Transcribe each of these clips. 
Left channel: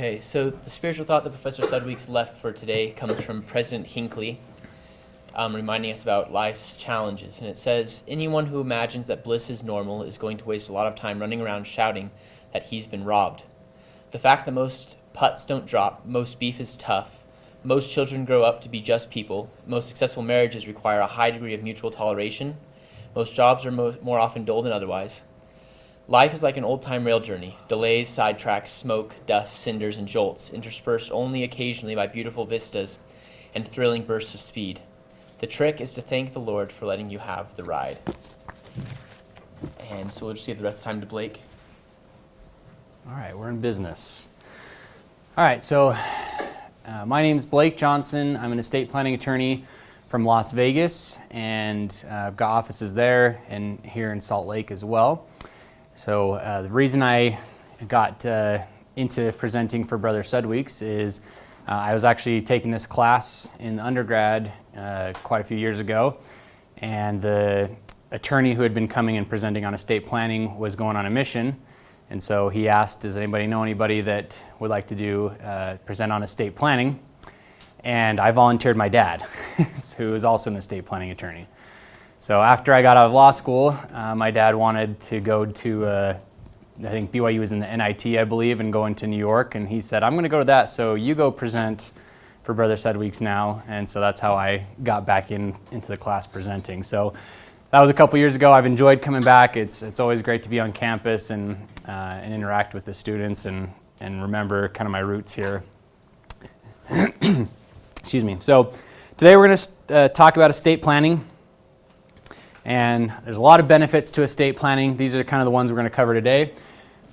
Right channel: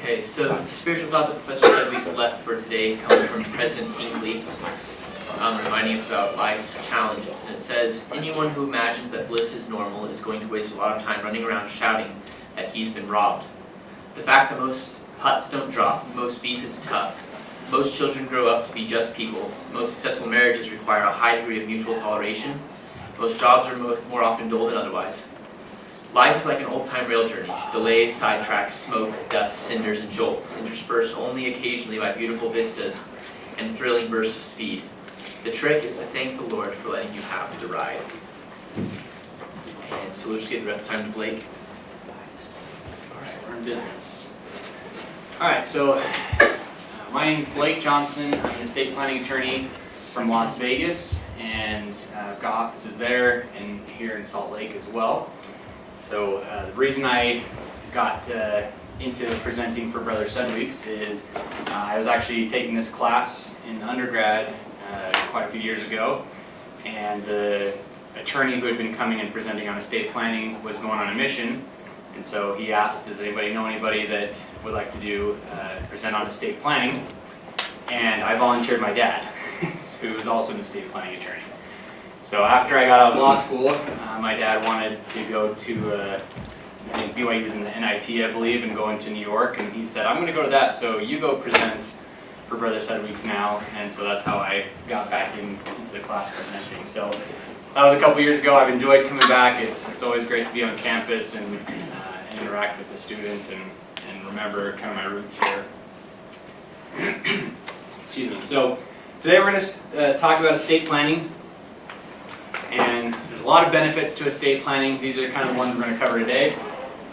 Okay, so the spiritual thought that Professor Sudweeks left for today comes from President Hinckley, reminding us about life's challenges. And it says, anyone who imagines that bliss is normal is going to waste a lot of time running around shouting that he's been robbed. The fact that most putts don't drop, most beef is tough, most children grow up to be just people, most successful marriages require a high degree of mutual toleration, most jobs are more often dull than otherwise. Life is like an old-time rail journey. Delays, sidetracks, smoke, dust, cinders, and jolts, interspersed only occasionally by beautiful vistas and thrilling bursts of speed. The trick is to thank the Lord for letting you have the ride. And so we'll just give the rest of the time to Blake. All right, we're in business. All right, so my name's Blake Johnson. I'm an estate planning attorney from Las Vegas, and I've got offices there and here in Salt Lake as well. So the reason I got into presenting for Brother Sudweeks is I was actually taking this class in undergrad quite a few years ago, and the attorney who had been coming and presenting on estate planning was going on a mission, and so he asked, does anybody know anybody that would like to do present on estate planning? And I volunteered my dad, who was also an estate planning attorney. So after I got out of law school, my dad wanted to go to, I think BYU was in the NIT, I believe, and going to New York. And he said, I'm going to go to that, so you go present for Brother Sudweeks now. And so that's how I got back into the class presenting. So that was a couple years ago. I've enjoyed coming back. It's always great to be on campus and interact with the students and remember kind of my roots here. Excuse me. So today we're going to talk about estate planning. And there's a lot of benefits to estate planning. These are kind of the ones we're going to cover today.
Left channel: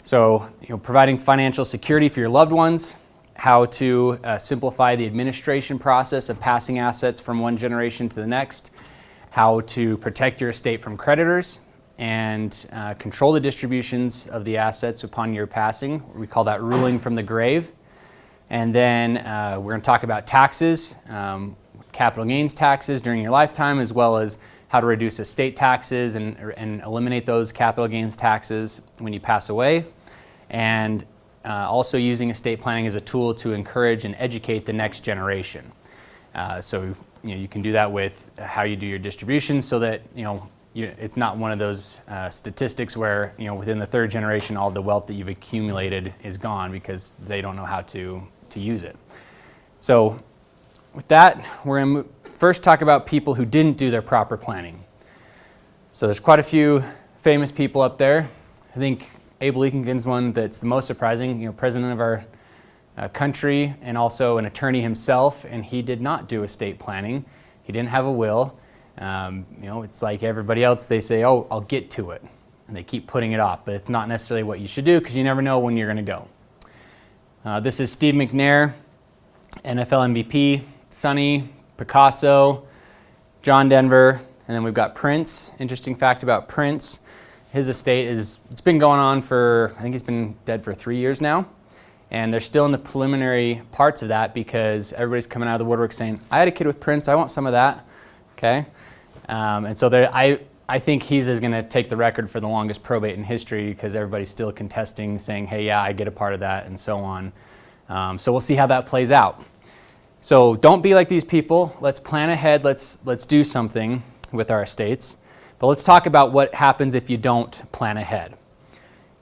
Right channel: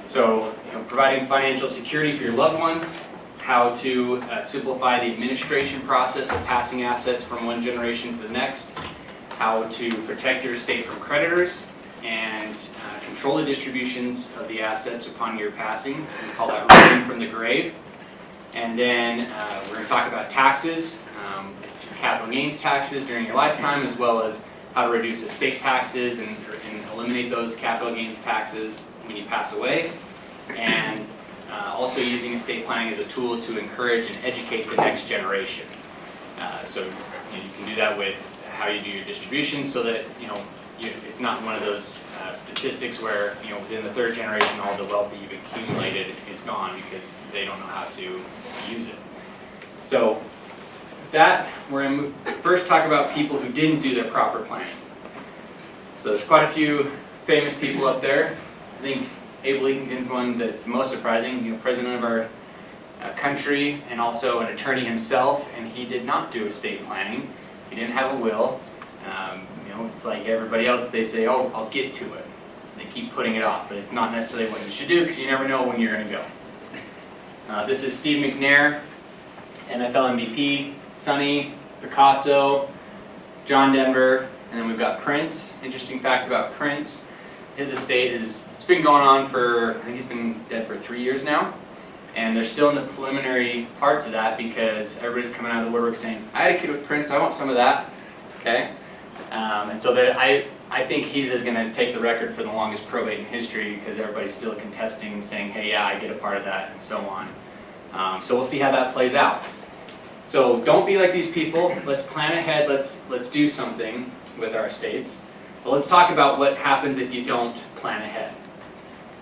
So, providing financial security for your loved ones, how to simplify the administration process of passing assets from one generation to the next, how to protect your estate from creditors, and control the distributions of the assets upon your passing. We call that rolling from the grave. And then we're going to talk about taxes, capital gains taxes during your lifetime, as well as how to reduce estate taxes and eliminate those capital gains taxes when you pass away, and also using estate planning as a tool to encourage and educate the next generation. So you can do that with how you do your distributions, so that it's not one of those statistics where within the third generation all the wealth that you've accumulated is gone because they don't know how to use it. So with that, we're going to first talk about people who didn't do the proper planning. So there's quite a few famous people up there. I think Abe Lincoln's one that's the most surprising. President of our country and also an attorney himself, and he did not do estate planning. He didn't have a will. It's like everybody else. They say, "Oh, I'll get to it," and they keep putting it off. But it's not necessarily what you should do because you never know when you're going to go. This is Steve McNair, NFL MVP. Sonny, Picasso, John Denver, and then we've got Prince. Interesting fact about Prince, his estate it's been going on for, I think he's been dead for 3 years now, and they're still in the preliminary parts of that because everybody's coming out of the woodwork saying, I had a kid with Prince, I want some of that, okay? And so I think he's going to take the record for the longest probate in history because everybody's still contesting, saying, hey, yeah, I get a part of that, and so on. So we'll see how that plays out. So don't be like these people. Let's plan ahead. Let's do something with our estates. But let's talk about what happens if you don't plan ahead.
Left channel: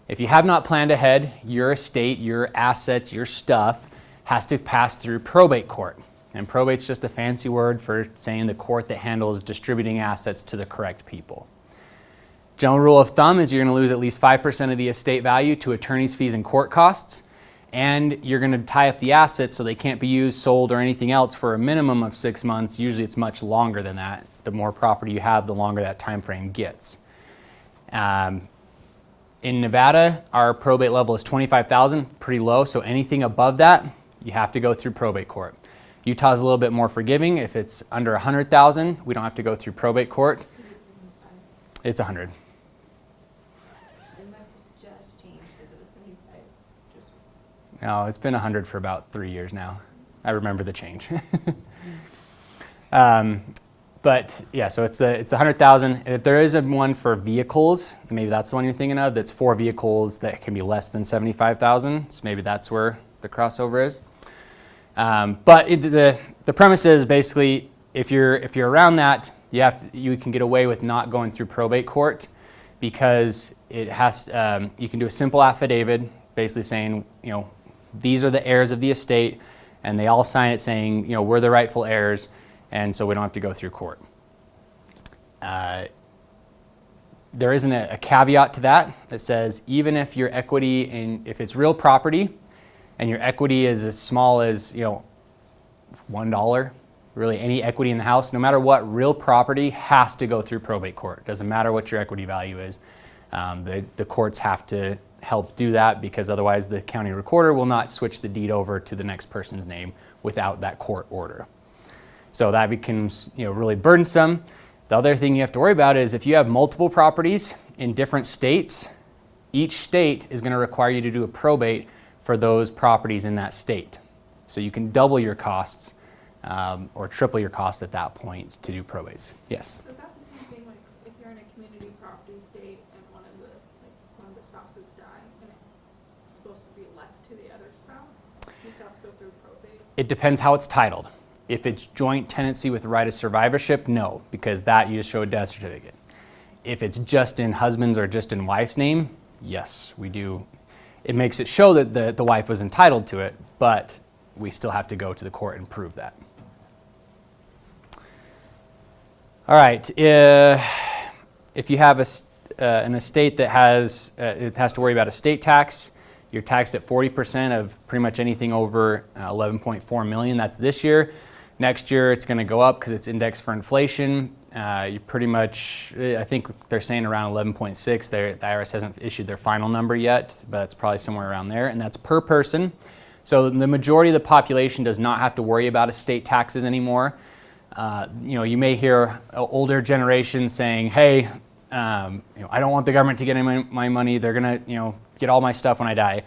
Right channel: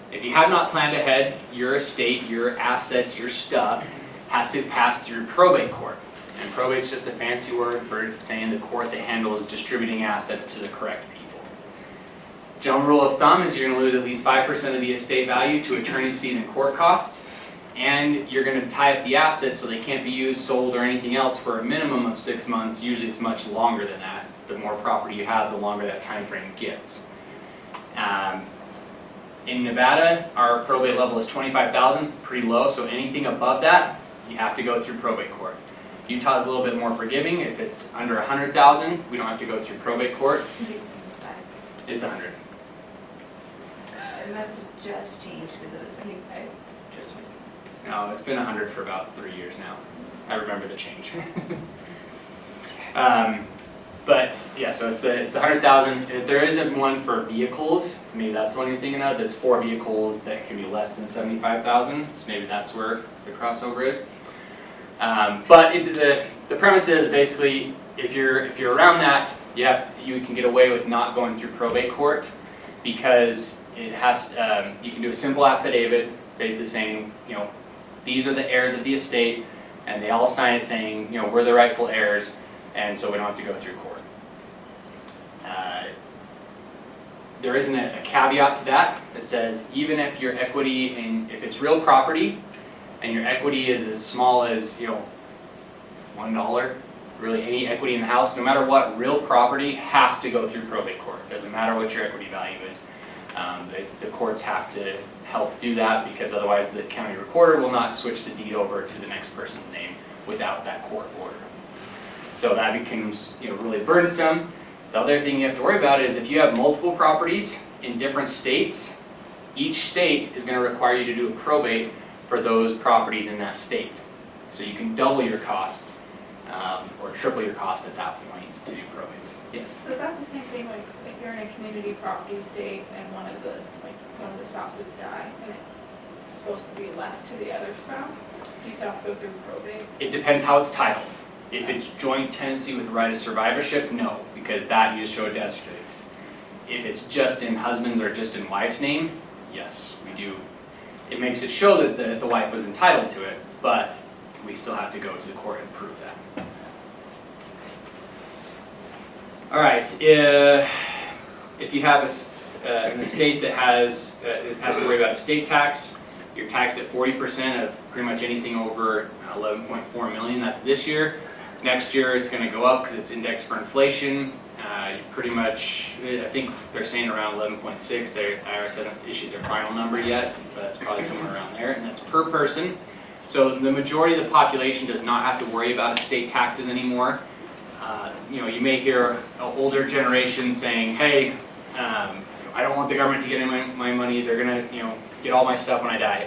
If you have not planned ahead, your estate, your assets, your stuff has to pass through probate court. And probate's just a fancy word for saying the court that handles distributing assets to the correct people. General rule of thumb is you're going to lose at least 5% of the estate value to attorney's fees and court costs. And you're going to tie up the assets so they can't be used, sold, or anything else for a minimum of 6 months. Usually it's much longer than that. The more property you have, the longer that time frame gets. In Nevada, our probate level is $25,000, pretty low, so anything above that, you have to go through probate court. Utah's a little bit more forgiving. If it's under $100,000, we don't have to go through probate court. It's 100. It must have just changed because it was 75. No, it's been 100 for about 3 years now. I remember the change. But yeah, so it's 100,000. And if there isn't one for vehicles, maybe that's the one you're thinking of. That's for vehicles that can be less than 75,000. So maybe that's where the crossover is. But the premise is basically if you're around that, you can get away with not going through probate court because it has you can do a simple affidavit basically saying, you know, these are the heirs of the estate, and they all sign it saying, you know, we're the rightful heirs, and so we don't have to go through court. There isn't a caveat to that that says even if your equity if it's real property and your equity is as small as, you know, $1, really any equity in the house, no matter what, real property has to go through probate court. Doesn't matter what your equity value is. The courts have to help do that because otherwise the county recorder will not switch the deed over to the next person's name without that court order. So that becomes, you know, really burdensome. The other thing you have to worry about is if you have multiple properties in different states, each state is going to require you to do a probate for those properties in that state. So you can double your costs or triple your costs at that point to do probates. Yes? So is that the same thing, like if you're in a community property state and one of the spouses die and it's supposed to be left to the other spouse, do you still have to go through probate? It depends how it's titled. If it's joint tenancy with right of survivorship, no, because that you just show a death certificate. If it's just in husband's or just in wife's name, yes, we do. It makes it show that the wife was entitled to it, but we still have to go to the court and prove that. All right, if you have an estate that it has to worry about estate tax, you're taxed at 40% of pretty much anything over 11.4 million. That's this year. Next year it's going to go up because it's indexed for inflation. Pretty much, I think they're saying around 11.6. The IRS hasn't issued their final number yet, but it's probably somewhere around there, and that's per person. So the majority of the population does not have to worry about estate taxes anymore. You know, you may hear older generations saying, "Hey, I don't want the government to get my money. They're gonna, you know, get all my stuff when I die."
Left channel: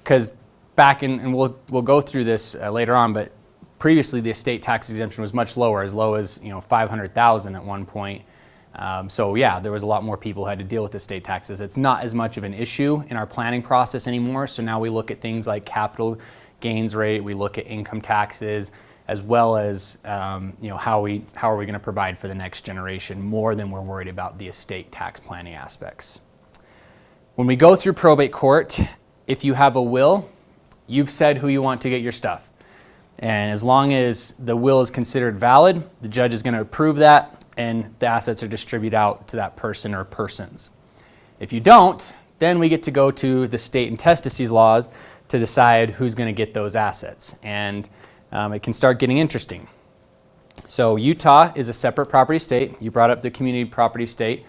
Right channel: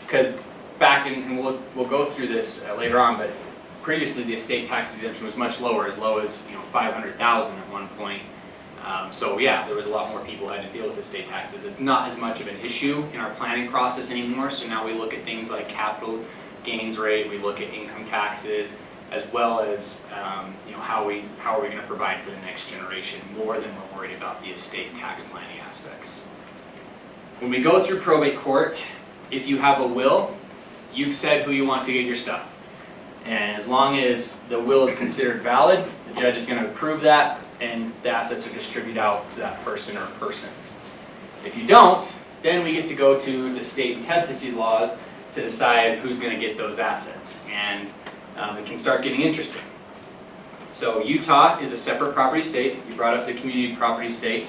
Because back in, and we'll go through this later on, but previously the estate tax exemption was much lower, as low as 500,000 at one point. So yeah, there was a lot more people who had to deal with estate taxes. It's not as much of an issue in our planning process anymore. So now we look at things like capital gains rate. We look at income taxes, as well as how are we going to provide for the next generation more than we're worried about the estate tax planning aspects. When we go through probate court, if you have a will, you've said who you want to get your stuff. And as long as the will is considered valid, the judge is going to approve that and the assets are distributed out to that person or persons. If you don't, then we get to go to the state intestacies law to decide who's going to get those assets. And it can start getting interesting. So Utah is a separate property state. You brought up the community property state.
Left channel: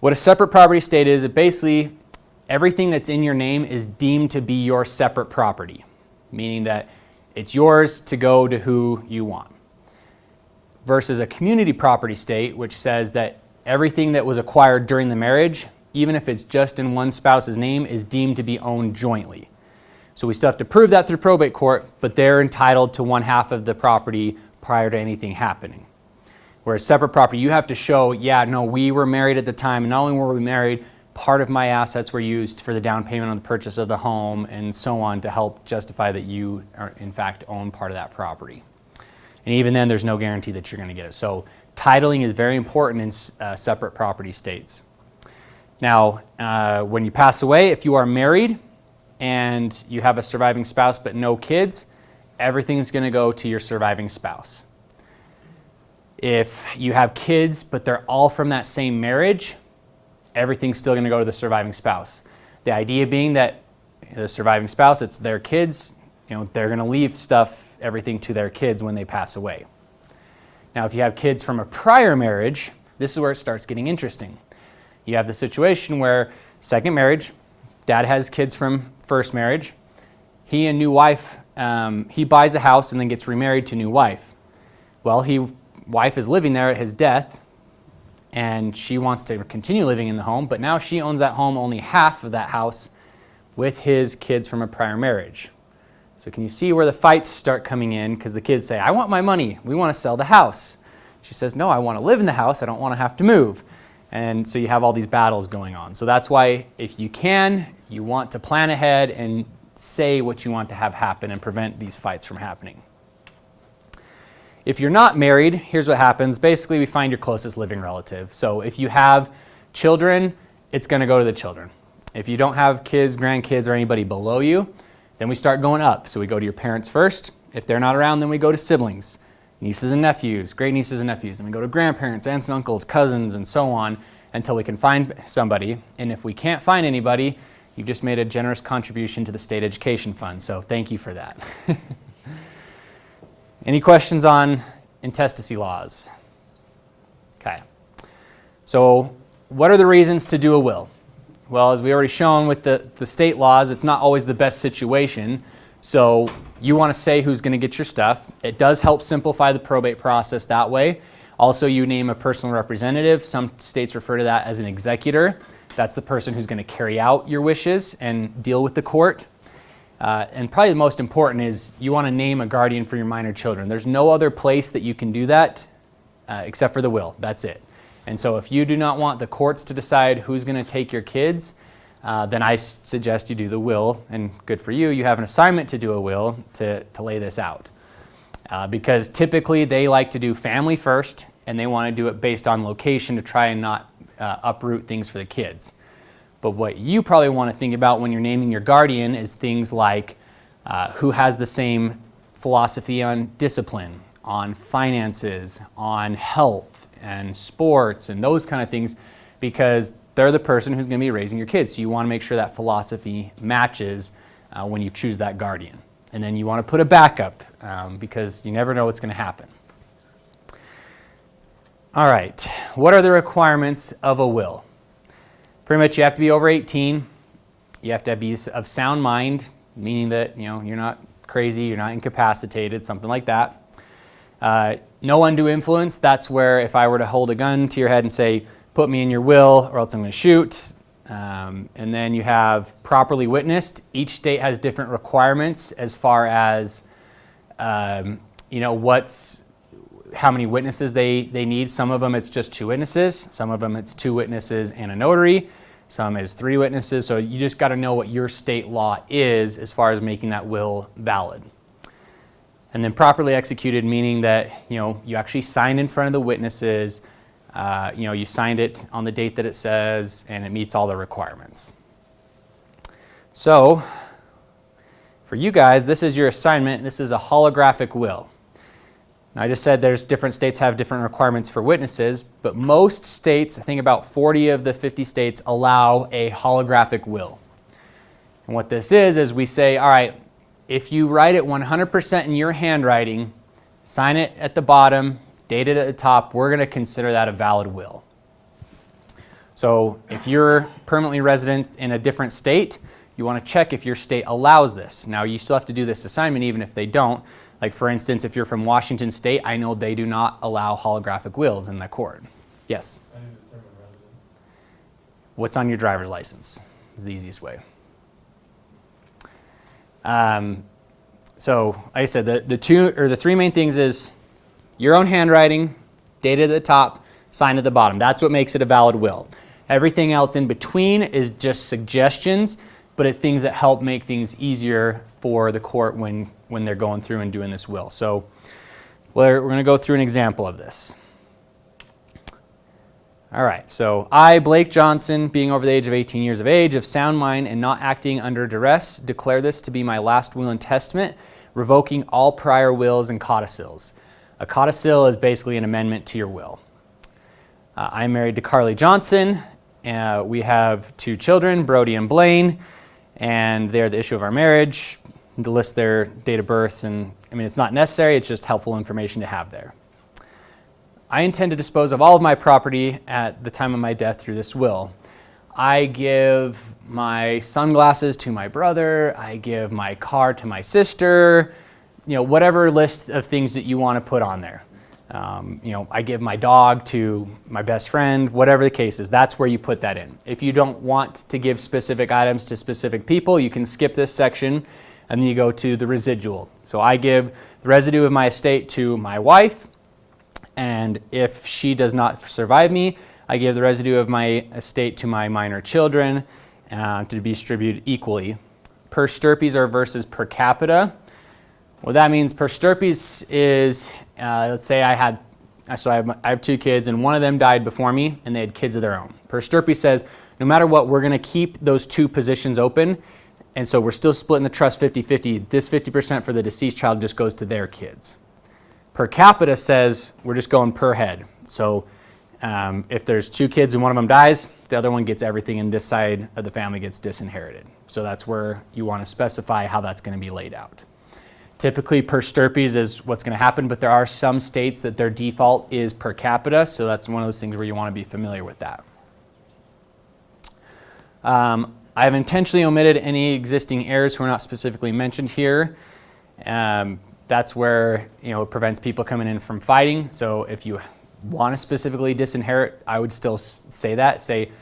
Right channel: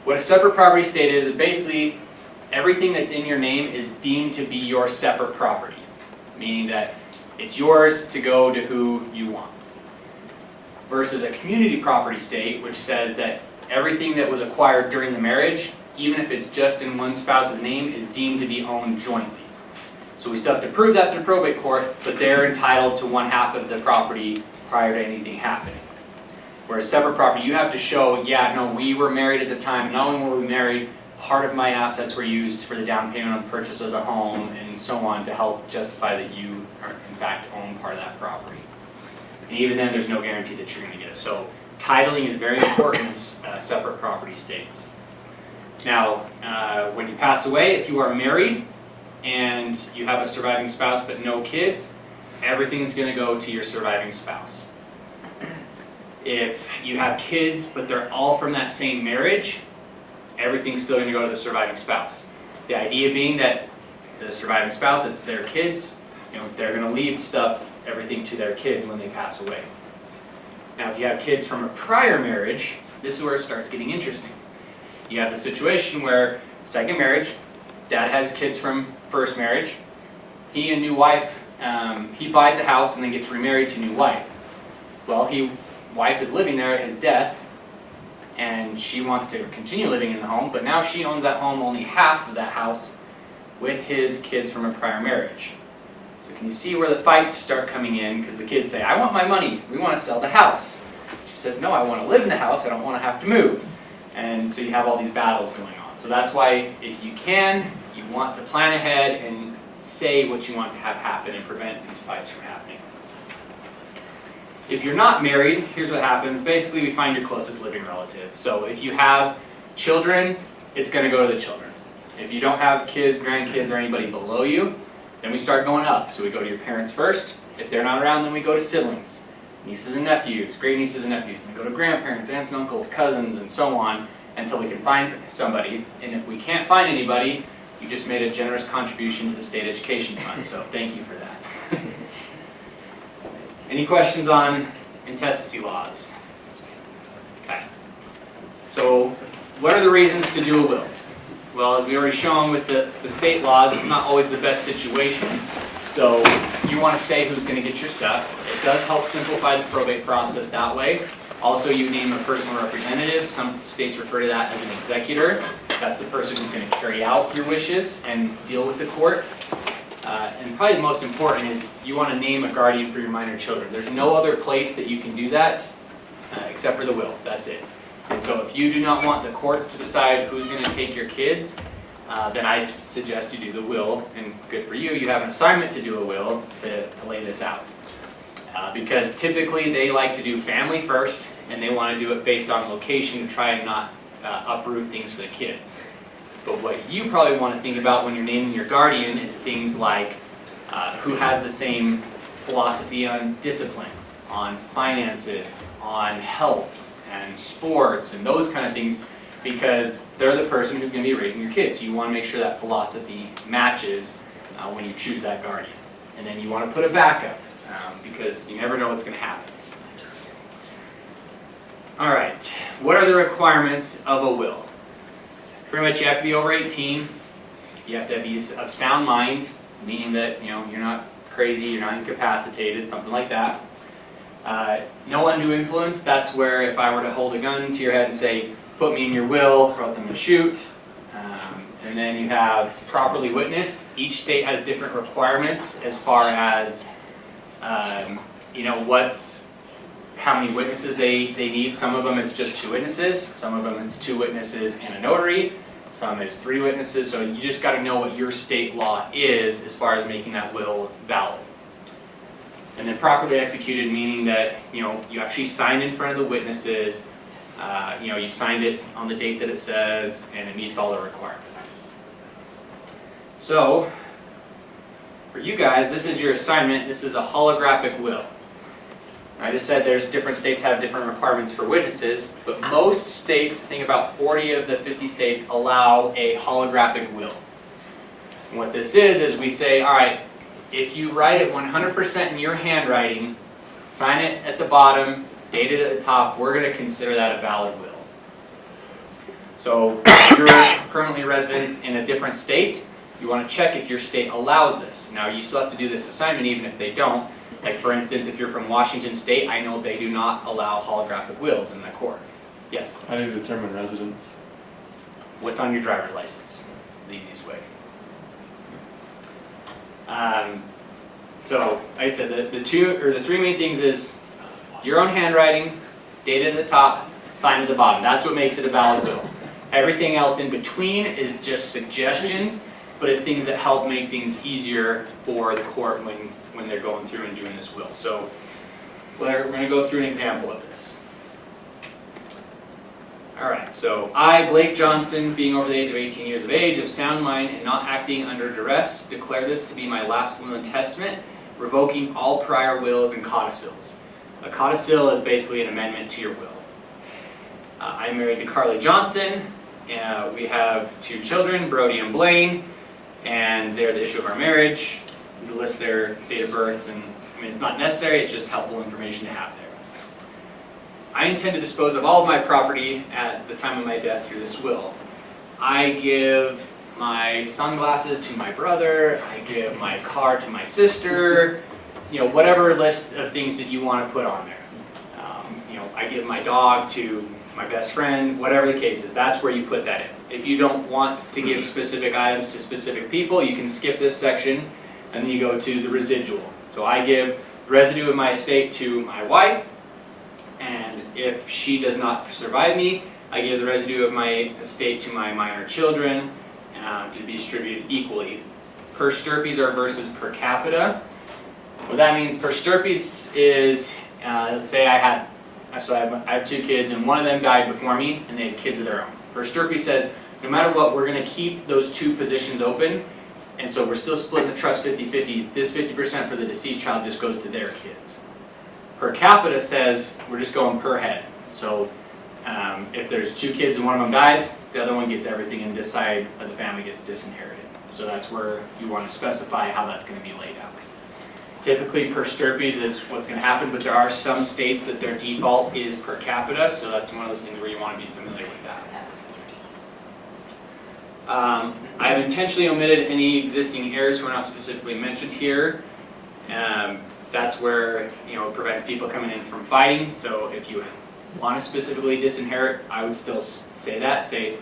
What a separate property state is, it basically, everything that's in your name is deemed to be your separate property, meaning that it's yours to go to who you want. Versus a community property state, which says that everything that was acquired during the marriage, even if it's just in one spouse's name, is deemed to be owned jointly. So we still have to prove that through probate court, but they're entitled to one half of the property prior to anything happening. Whereas separate property, you have to show, yeah, no, we were married at the time, and not only were we married, part of my assets were used for the down payment on the purchase of the home, and so on, to help justify that you are, in fact, own part of that property. And even then, there's no guarantee that you're going to get it. So titling is very important in separate property states. Now, when you pass away, if you are married and you have a surviving spouse but no kids, everything's going to go to your surviving spouse. If you have kids but they're all from that same marriage, everything's still going to go to the surviving spouse. The idea being that the surviving spouse, it's their kids, they're going to leave everything to their kids when they pass away. Now, if you have kids from a prior marriage, this is where it starts getting interesting. You have the situation where second marriage, dad has kids from first marriage, he and new wife, he buys a house and then gets remarried to new wife. Well, wife is living there at his death, and she wants to continue living in the home, but now she owns that home, only half of that house, with his kids from a prior marriage. So can you see where the fights start coming in? Because the kids say, I want my money, we want to sell the house. She says, no, I want to live in the house. I don't want to have to move. And so you have all these battles going on. So that's why if you can, you want to plan ahead and say what you want to have happen and prevent these fights from happening. If you're not married, here's what happens. Basically, we find your closest living relative. So if you have children, it's going to go to the children. If you don't have kids, grandkids, or anybody below you, then we start going up. So we go to your parents first. If they're not around, then we go to siblings, nieces and nephews, great nieces and nephews, and we go to grandparents, aunts and uncles, cousins, and so on until we can find somebody. And if we can't find anybody, you just made a generous contribution to the state education fund. So thank you for that. Any questions on intestacy laws? Okay. So what are the reasons to do a will? Well, as we already shown with the state laws, it's not always the best situation. So you want to say who's going to get your stuff. It does help simplify the probate process that way. Also, you name a personal representative. Some states refer to that as an executor. That's the person who's going to carry out your wishes and deal with the court. And probably the most important is you want to name a guardian for your minor children. There's no other place that you can do that except for the will. That's it. And so if you do not want the courts to decide who's going to take your kids, then I suggest you do the will. And good for you, you have an assignment to do a will to lay this out. Because typically they like to do family first, and they want to do it based on location to try and not uproot things for the kids. But what you probably want to think about when you're naming your guardian is things like who has the same philosophy on discipline, on finances, on health, and sports, and those kind of things, because they're the person who's going to be raising your kids. So you want to make sure that philosophy matches when you choose that guardian. And then you want to put a backup, because you never know what's going to happen. All right, what are the requirements of a will? Pretty much you have to be over 18. You have to be of sound mind, meaning that you're not crazy, you're not incapacitated, something like that. No undue influence. That's where if I were to hold a gun to your head and say, put me in your will or else I'm going to shoot. And then you have properly witnessed. Each state has different requirements as far as how many witnesses they need. Some of them it's just 2 witnesses. Some of them it's 2 witnesses and a notary. Some is 3 witnesses. So you just got to know what your state law is as far as making that will valid. And then properly executed, meaning that you actually signed in front of the witnesses. You signed it on the date that it says, and it meets all the requirements. So, for you guys, this is your assignment. This is a holographic will. I just said there's different states have different requirements for witnesses, but most states, I think about 40 of the 50 states, allow a holographic will. And what this is we say, all right, if you write it 100% in your handwriting, sign it at the bottom, date it at the top, we're going to consider that a valid will. So if you're permanently resident in a different state, you want to check if your state allows this. Now you still have to do this assignment even if they don't. Like for instance, if you're from Washington State, I know they do not allow holographic wills in the court. Yes? How do you determine residence? What's on your driver's license is the easiest way. So, like I said, the 3 main things is your own handwriting, dated at the top, signed at the bottom. That's what makes it a valid will. Everything else in between is just suggestions, but it's things that help make things easier for the court when they're going through and doing this will. So, we're going to go through an example of this. All right, so I, Blake Johnson, being over the age of 18 years of age, of sound mind, and not acting under duress, declare this to be my last will and testament, revoking all prior wills and codicils. A codicil is basically an amendment to your will. I'm married to Carly Johnson, and we have 2 children, Brody and Blaine, and they're the issue of our marriage. To list their date of births, and it's not necessary, it's just helpful information to have there. I intend to dispose of all of my property at the time of my death through this will. I give my sunglasses to my brother, I give my car to my sister, whatever list of things that you want to put on there. I give my dog to my best friend, whatever the case is, that's where you put that in. If you don't want to give specific items to specific people, you can skip this section and then you go to the residual. So I give the residue of my estate to my wife, and if she does not survive me, I give the residue of my estate to my minor children to be distributed equally. Per stirpes are versus per capita. What that means per stirpes is, let's say I have 2 kids and one of them died before me and they had kids of their own. Per stirpe says no matter what, we're going to keep those 2 positions open, and so we're still splitting the trust 50-50. This 50% for the deceased child just goes to their kids. Per capita says we're just going per head. So if there's 2 kids and one of them dies, the other one gets everything and this side of the family gets disinherited. So that's where you want to specify how that's going to be laid out. Typically per stirpes is what's going to happen, but there are some states that their default is per capita, so that's one of those things where you want to be familiar with that. I've intentionally omitted any existing heirs who are not specifically mentioned here. That's where it prevents people coming in from fighting. So if you want to specifically disinherit, I would still say that. Say,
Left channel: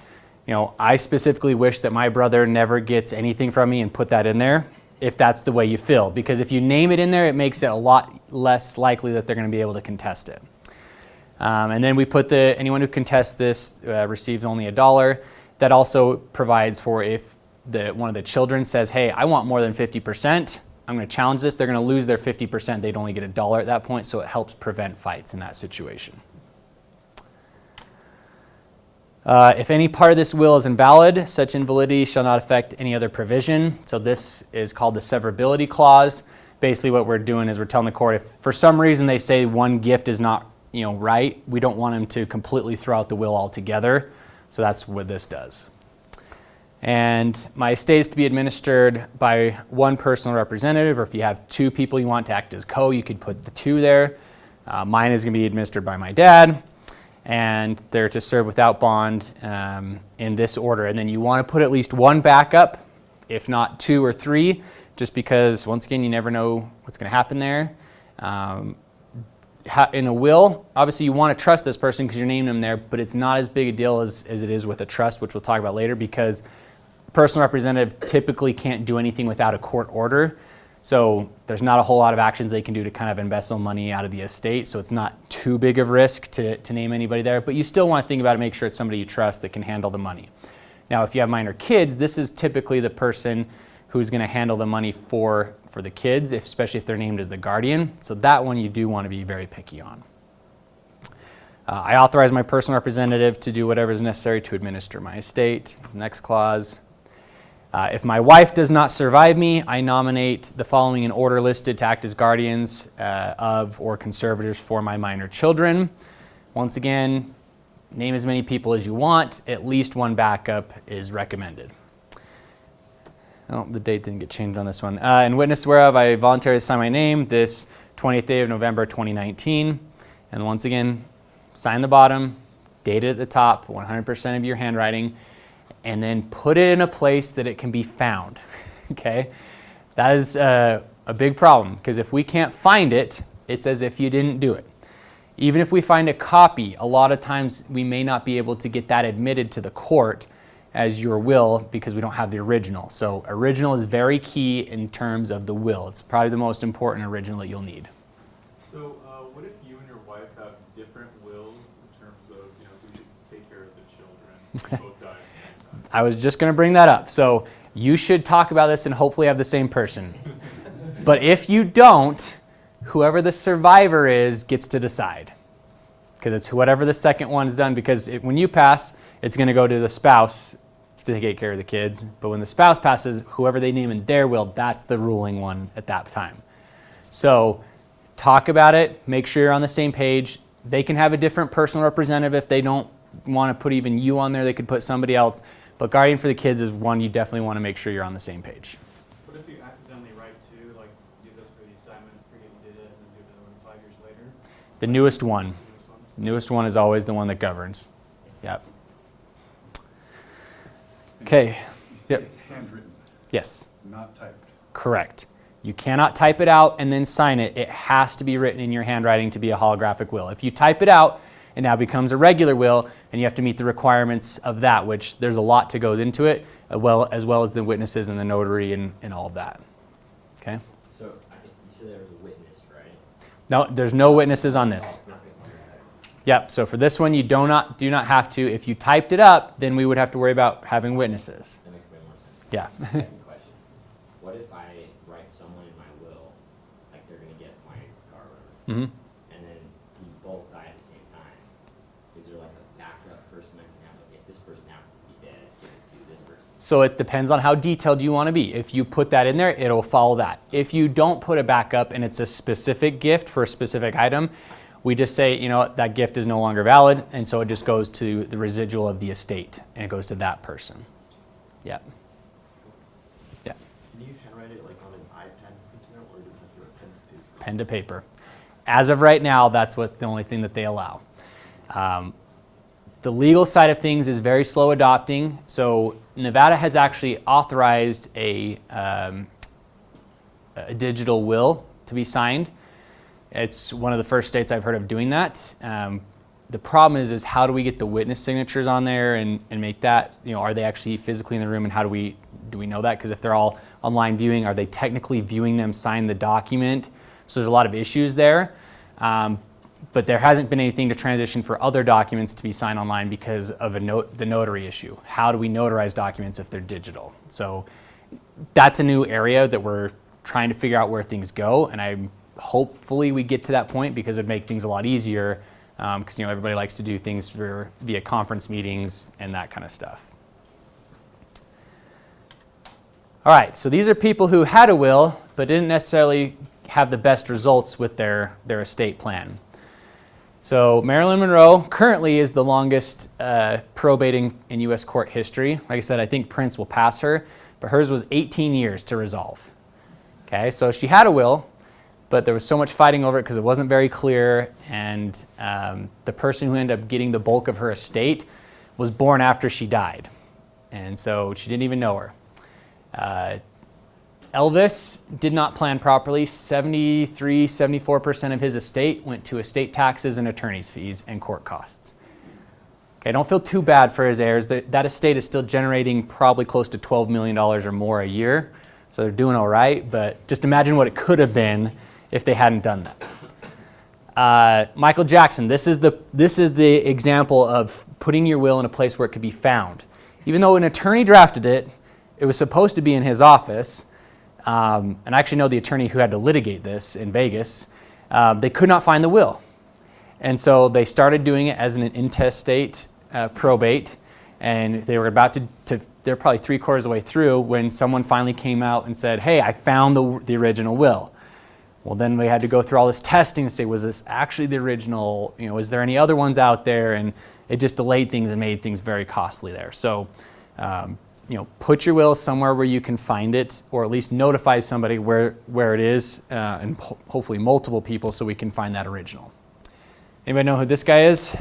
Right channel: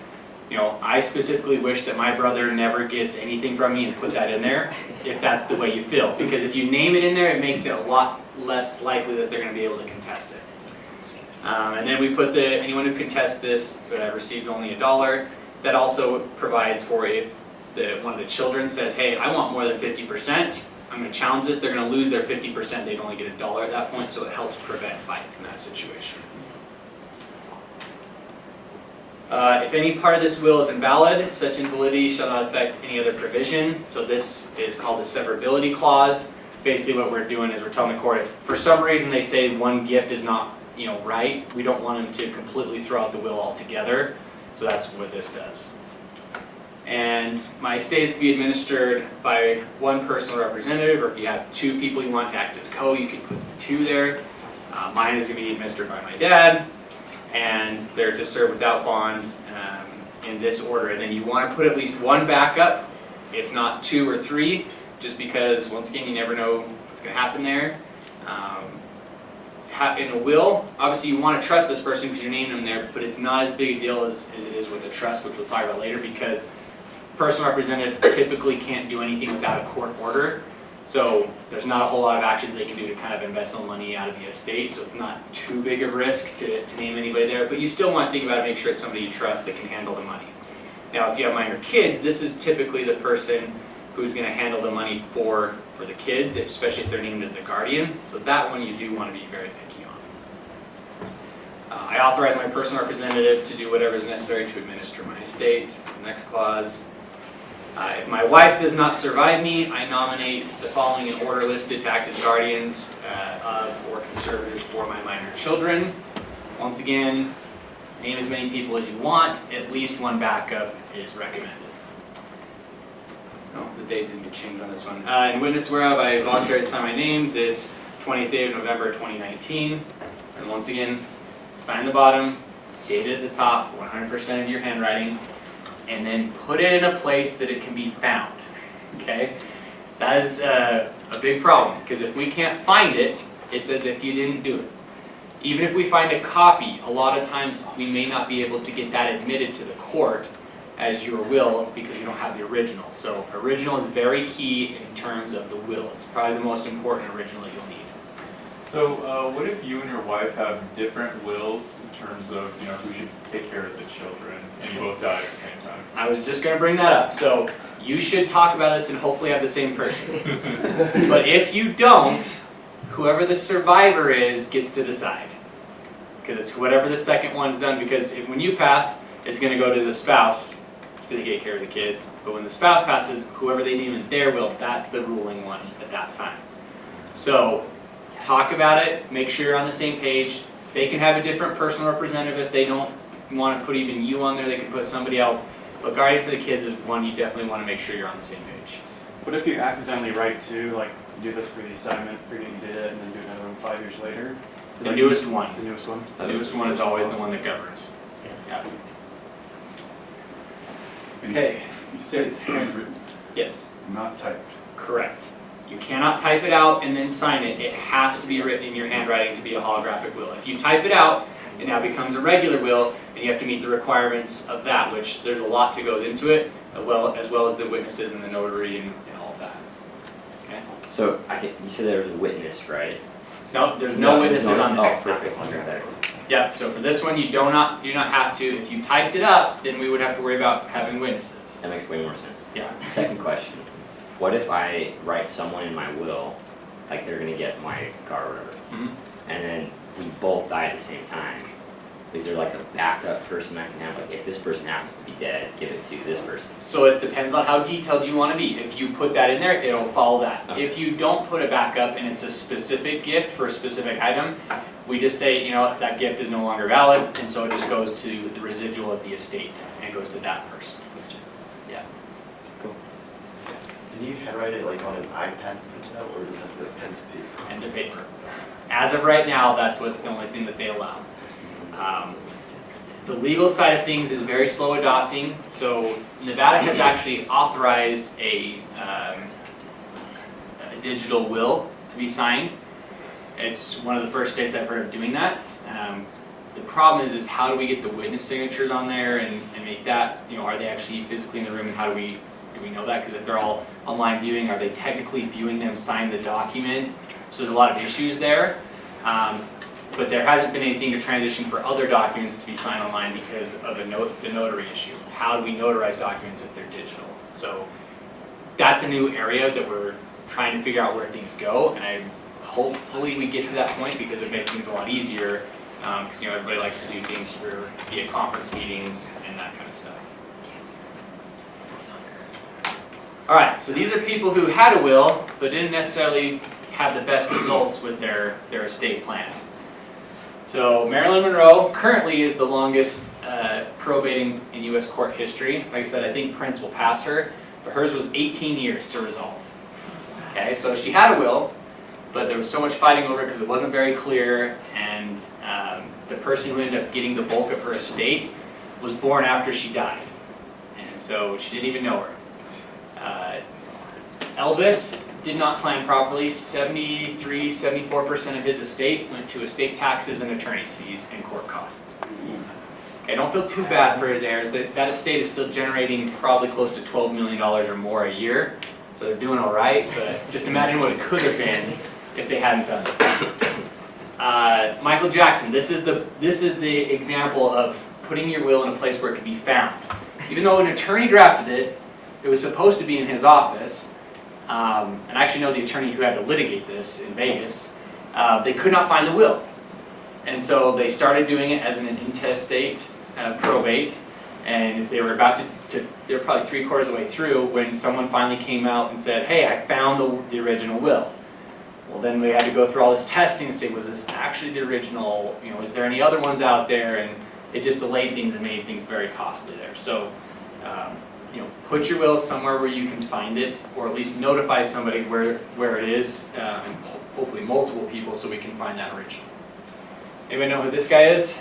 I specifically wish that my brother never gets anything from me, and put that in there if that's the way you feel. Because if you name it in there, it makes it a lot less likely that they're going to be able to contest it. And then we put anyone who contests this receives only $1. That also provides for if one of the children says, hey, I want more than 50%, I'm going to challenge this, they're going to lose their 50%, they'd only get $1 at that point, so it helps prevent fights in that situation. If any part of this will is invalid, such invalidity shall not affect any other provision. So this is called the severability clause. Basically what we're doing is we're telling the court if for some reason they say one gift is not right, we don't want them to completely throw out the will altogether. So that's what this does. And my estate is to be administered by one personal representative, or if you have 2 people you want to act as you can put the 2 there. Mine is going to be administered by my dad, and they're to serve without bond in this order. And then you want to put at least 1 backup, if not 2 or 3, just because, once again, you never know what's going to happen there. In a will, obviously you want to trust this person because you're naming them there, but it's not as big a deal as it is with a trust, which we'll talk about later, because personal representative typically can't do anything without a court order. So there's not a whole lot of actions they can do to kind of embezzle money out of the estate, so it's not too big of risk to name anybody there, but you still want to think about it, make sure it's somebody you trust that can handle the money. Now if you have minor kids, this is typically the person who's going to handle the money for the kids, especially if they're named as the guardian. So that one you do want to be very picky on. I authorize my personal representative to do whatever is necessary to administer my estate. Next clause. If my wife does not survive me, I nominate the following in order listed to act as guardians of or conservators for my minor children. Once again, name as many people as you want. At least 1 backup is recommended. Oh, the date didn't get changed on this one. In witness whereof I voluntarily sign my name this 20th day of November 2019. And once again, sign the bottom, date it at the top, 100% of your handwriting, and then put it in a place that it can be found. Okay? That is a big problem, because if we can't find it, it's as if you didn't do it. Even if we find a copy, a lot of times we may not be able to get that admitted to the court as your will because we don't have the original. So original is very key in terms of the will. It's probably the most important original you'll need. So what if you and your wife have different wills in terms of who should take care of the children and you both die at the same time? I was just going to bring that up. So you should talk about this and hopefully have the same person. But if you don't, whoever the survivor is gets to decide. Because it's whatever the second one's done. Because when you pass, it's going to go to the spouse to take care of the kids. But when the spouse passes, whoever they name in their will, that's the ruling one at that time. So talk about it. Make sure you're on the same page. They can have a different personal representative if they don't want to put even you on there. They can put somebody else. But guardian for the kids is one you definitely want to make sure you're on the same page. What if you accidentally write 2, like do this for the assignment, forget you did it, and then do another one 5 years later? The newest one. The newest one? The newest one is always the one that governs. Yeah. Okay. You said it's handwritten, Yes. not typed. Correct. You cannot type it out and then sign it. It has to be written in your handwriting to be a holographic will. If you type it out, it now becomes a regular will, and you have to meet the requirements of that, which there's a lot to go into it, as well as the witnesses and the notary and all of that. Okay? So you said there was a witness, right? No, there's no witnesses on this. Oh, perfect. Yep, so for this one, you do not have to. If you typed it up, then we would have to worry about having witnesses. That makes way more sense. Yeah. Second question. What if I write someone in my will, like they're gonna get my car or whatever, hmm and then we both die at the same time? Is there like a backup person I can have? Like if this person happens to be dead, give it to this person. So it depends on how detailed you want to be. If you put that in there, it'll follow that. Okay. If you don't put a backup and it's a specific gift for a specific item, we just say, you know, that gift is no longer valid, and so it just goes to the residual of the estate, and it goes to that person. Yeah. Can you write it like on an iPad printout, or does it have to be pen to paper? Pen to paper. As of right now, that's the only thing that they allow. The legal side of things is very slow adopting. So Nevada has actually authorized a digital will to be signed. It's one of the first states I've heard of doing that. The problem is how do we get the witness signatures on there and make that, you know, are they actually physically in the room, and how do we know that? Because if they're all online viewing, are they technically viewing them sign the document? So there's a lot of issues there. But there hasn't been anything to transition for other documents to be signed online because of the notary issue. How do we notarize documents if they're digital? So that's a new area that we're trying to figure out where things go, and hopefully we get to that point because it'd make things a lot easier, because you know, everybody likes to do things via conference meetings and that kind of stuff. All right, so these are people who had a will but didn't necessarily have the best results with their estate plan. So Marilyn Monroe currently is the longest probating in U.S. court history. Like I said, I think Prince will pass her, but hers was 18 years to resolve. Okay, so she had a will, but there was so much fighting over it because it wasn't very clear, and the person who ended up getting the bulk of her estate was born after she died, and so she didn't even know her. Elvis did not plan properly. 74% of his estate went to estate taxes and attorney's fees and court costs. Okay, don't feel too bad for his heirs. That estate is still generating probably close to $12 million or more a year, so they're doing all right, but just imagine what it could have been if they hadn't done it. Michael Jackson, this is the example of putting your will in a place where it could be found. Even though an attorney drafted it, it was supposed to be in his office. And I actually know the attorney who had to litigate this in Vegas. They could not find the will. And so they started doing it as an intestate probate. And they were about to they were probably 3/4 of the way through when someone finally came out and said, hey, I found the original will. Well, then we had to go through all this testing and say, was this actually the original? You know, is there any other ones out there? And it just delayed things and made things very costly there. So, you know, put your will somewhere where you can find it, or at least notify somebody where it is, and hopefully multiple people, so we can find that original. Anybody know who this guy is?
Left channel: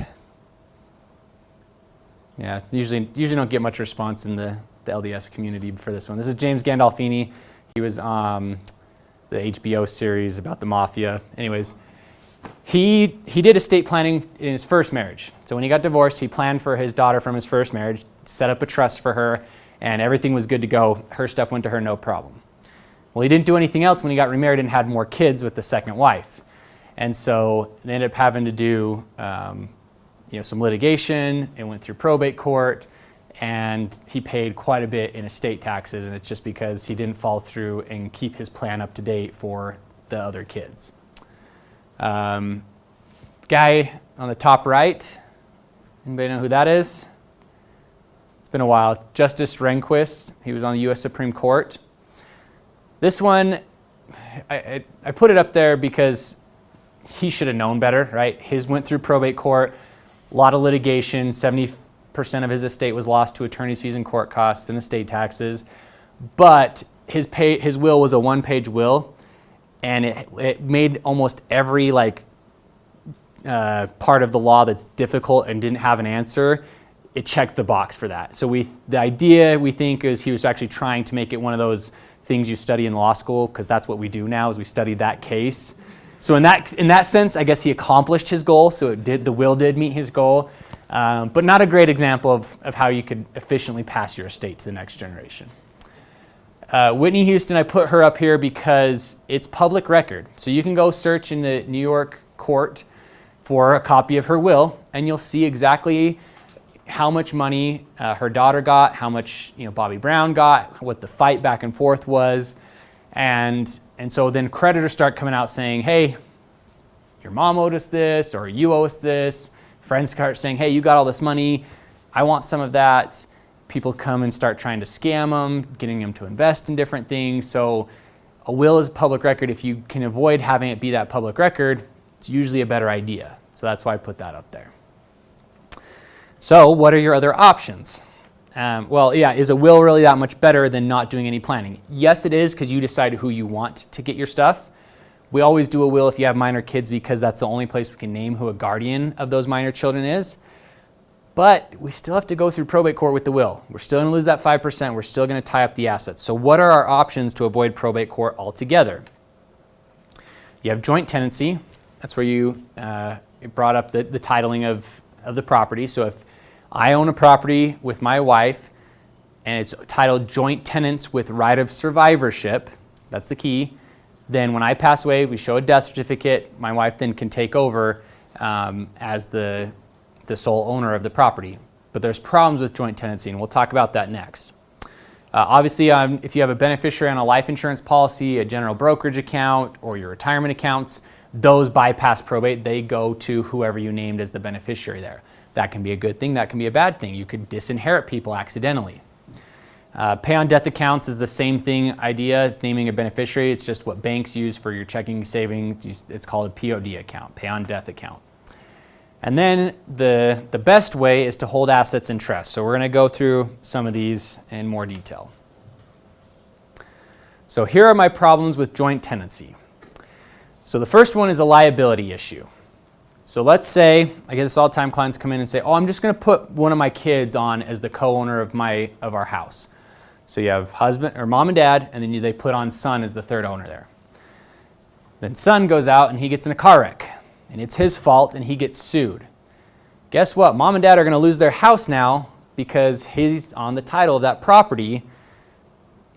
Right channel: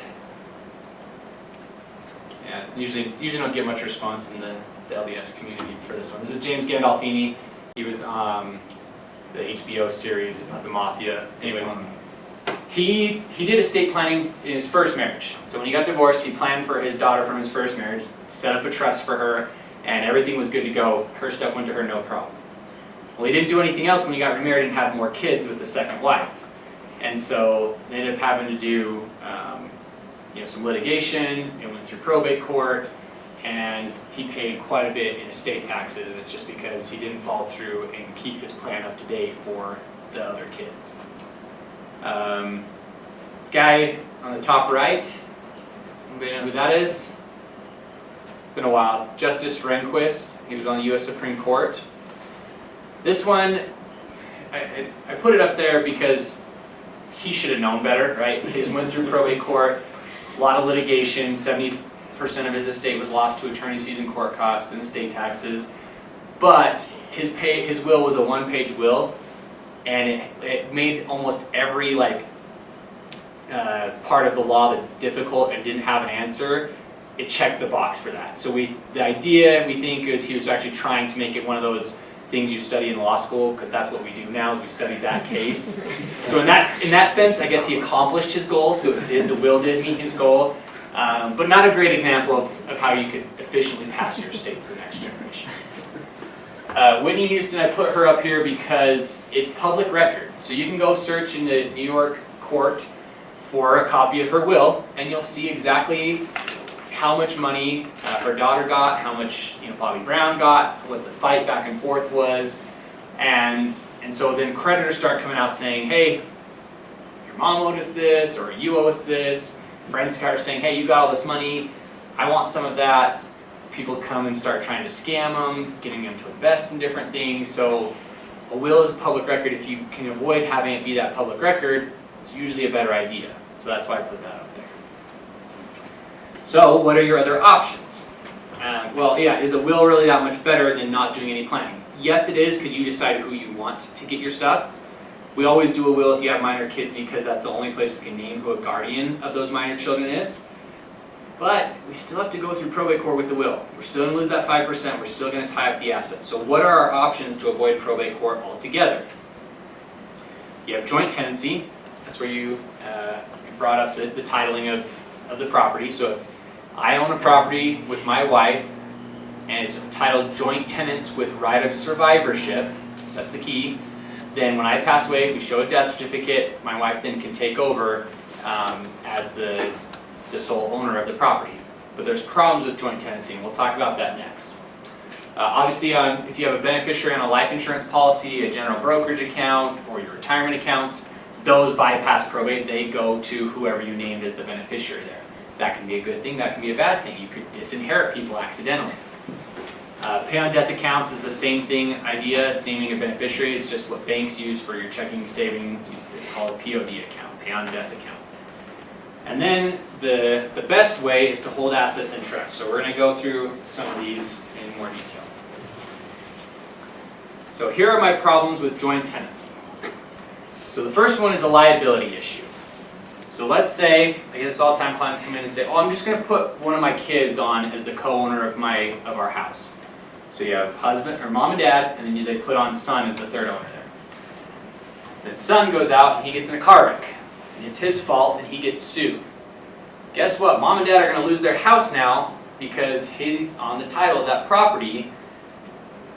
Yeah, usually don't get much response in the LDS community for this one. This is James Gandolfini. He was on the HBO series about the mafia. Anyways, he did estate planning in his first marriage. So when he got divorced, he planned for his daughter from his first marriage, set up a trust for her, and everything was good to go. Her stuff went to her, no problem. Well, he didn't do anything else when he got remarried and had more kids with the second wife. And so they ended up having to do some litigation, and went through probate court, and he paid quite a bit in estate taxes, and it's just because he didn't follow through and keep his plan up to date for the other kids. Guy on the top right, anybody know who that is? It's been a while. Justice Rehnquist, he was on the U.S. Supreme Court. This one, I put it up there because he should have known better, right? His went through probate court, a lot of litigation, 70% of his estate was lost to attorney's fees and court costs and estate taxes. But his will was a one-page will, and it made almost every part of the law that's difficult and didn't have an answer, it checked the box for that. So the idea we think is he was actually trying to make it one of those things you study in law school, because that's what we do now, is we study that case. So in that sense, I guess he accomplished his goal. So the will did meet his goal, but not a great example of how you could efficiently pass your estate to the next generation. Whitney Houston, I put her up here because it's public record. So you can go search in the New York court for a copy of her will, and you'll see exactly how much money her daughter got, how much Bobby Brown got, what the fight back and forth was, and so then creditors start coming out saying, hey, your mom owed us this, or you owe us this. Friends start saying, hey, you got all this money, I want some of that. People come and start trying to scam them, getting them to invest in different things. So a will is a public record. If you can avoid having it be that public record, it's usually a better idea. So that's why I put that up there. So what are your other options? Is a will really that much better than not doing any planning? Yes, it is, because you decide who you want to get your stuff. We always do a will if you have minor kids because that's the only place we can name who a guardian of those minor children is. But we still have to go through probate court with the will. We're still going to lose that 5%. We're still going to tie up the assets. So what are our options to avoid probate court altogether? You have joint tenancy. That's where you brought up the titling of the property. So if I own a property with my wife and it's titled joint tenants with right of survivorship, that's the key, then when I pass away, we show a death certificate. My wife then can take over as the sole owner of the property. But there's problems with joint tenancy, and we'll talk about that next. Obviously, if you have a beneficiary on a life insurance policy, a general brokerage account, or your retirement accounts, those bypass probate. They go to whoever you named as the beneficiary there. That can be a good thing, that can be a bad thing. You could disinherit people accidentally. Pay on death accounts is the same thing idea. It's naming a beneficiary. It's just what banks use for your checking savings. It's called a POD account, pay on death account. And then the best way is to hold assets in trust. So we're going to go through some of these in more detail. So here are my problems with joint tenancy. So the first one is a liability issue. So let's say, I get this all the time, clients come in and say, oh, I'm just going to put one of my kids on as the co-owner of our house. So you have husband or mom and dad, and then they put on son as the third owner there. Then son goes out and he gets in a car wreck. And it's his fault and he gets sued. Guess what? Mom and dad are going to lose their house now because he's on the title of that property,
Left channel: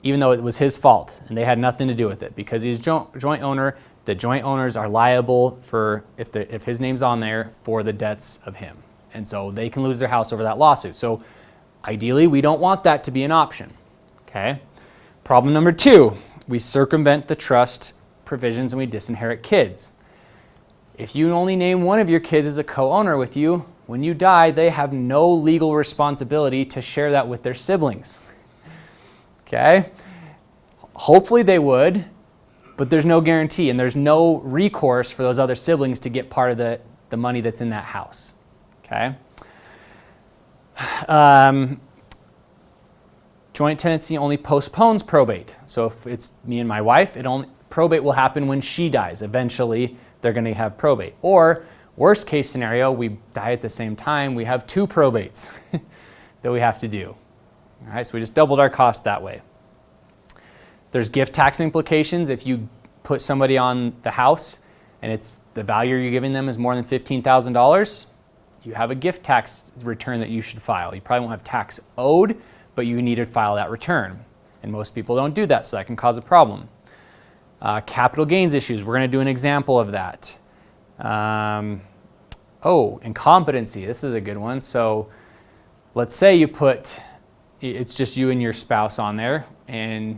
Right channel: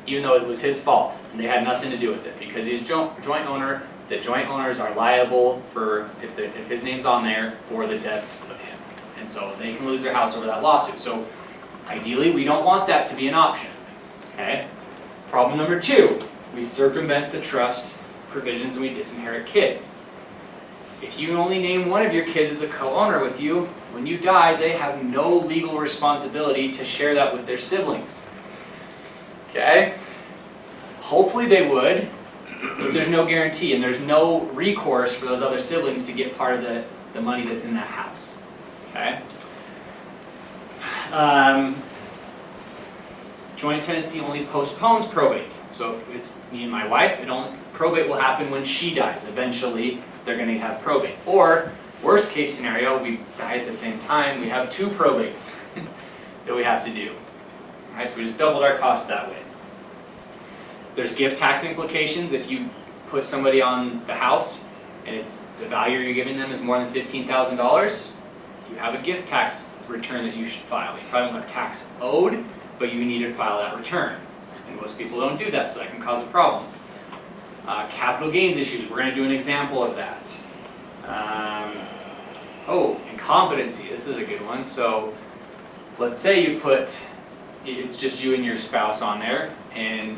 even though it was his fault and they had nothing to do with it. Because he's joint owner, the joint owners are liable for, if his name's on there, for the debts of him. And so they can lose their house over that lawsuit. So ideally, we don't want that to be an option. Okay? Problem number 2, we circumvent the trust provisions and we disinherit kids. If you only name one of your kids as a co-owner with you, when you die, they have no legal responsibility to share that with their siblings. Okay? Hopefully they would, but there's no guarantee, and there's no recourse for those other siblings to get part of the money that's in that house. Okay? Joint tenancy only postpones probate. So if it's me and my wife, probate will happen when she dies. Eventually, they're going to have probate. Or, worst case scenario, we die at the same time, we have 2 probates that we have to do. All right, so we just doubled our cost that way. There's gift tax implications. If you put somebody on the house and the value you're giving them is more than $15,000, you have a gift tax return that you should file. You probably don't have tax owed, but you need to file that return. And most people don't do that, so that can cause a problem. Capital gains issues, we're going to do an example of that. Incompetency, this is a good one. So let's say it's just you and your spouse on there, and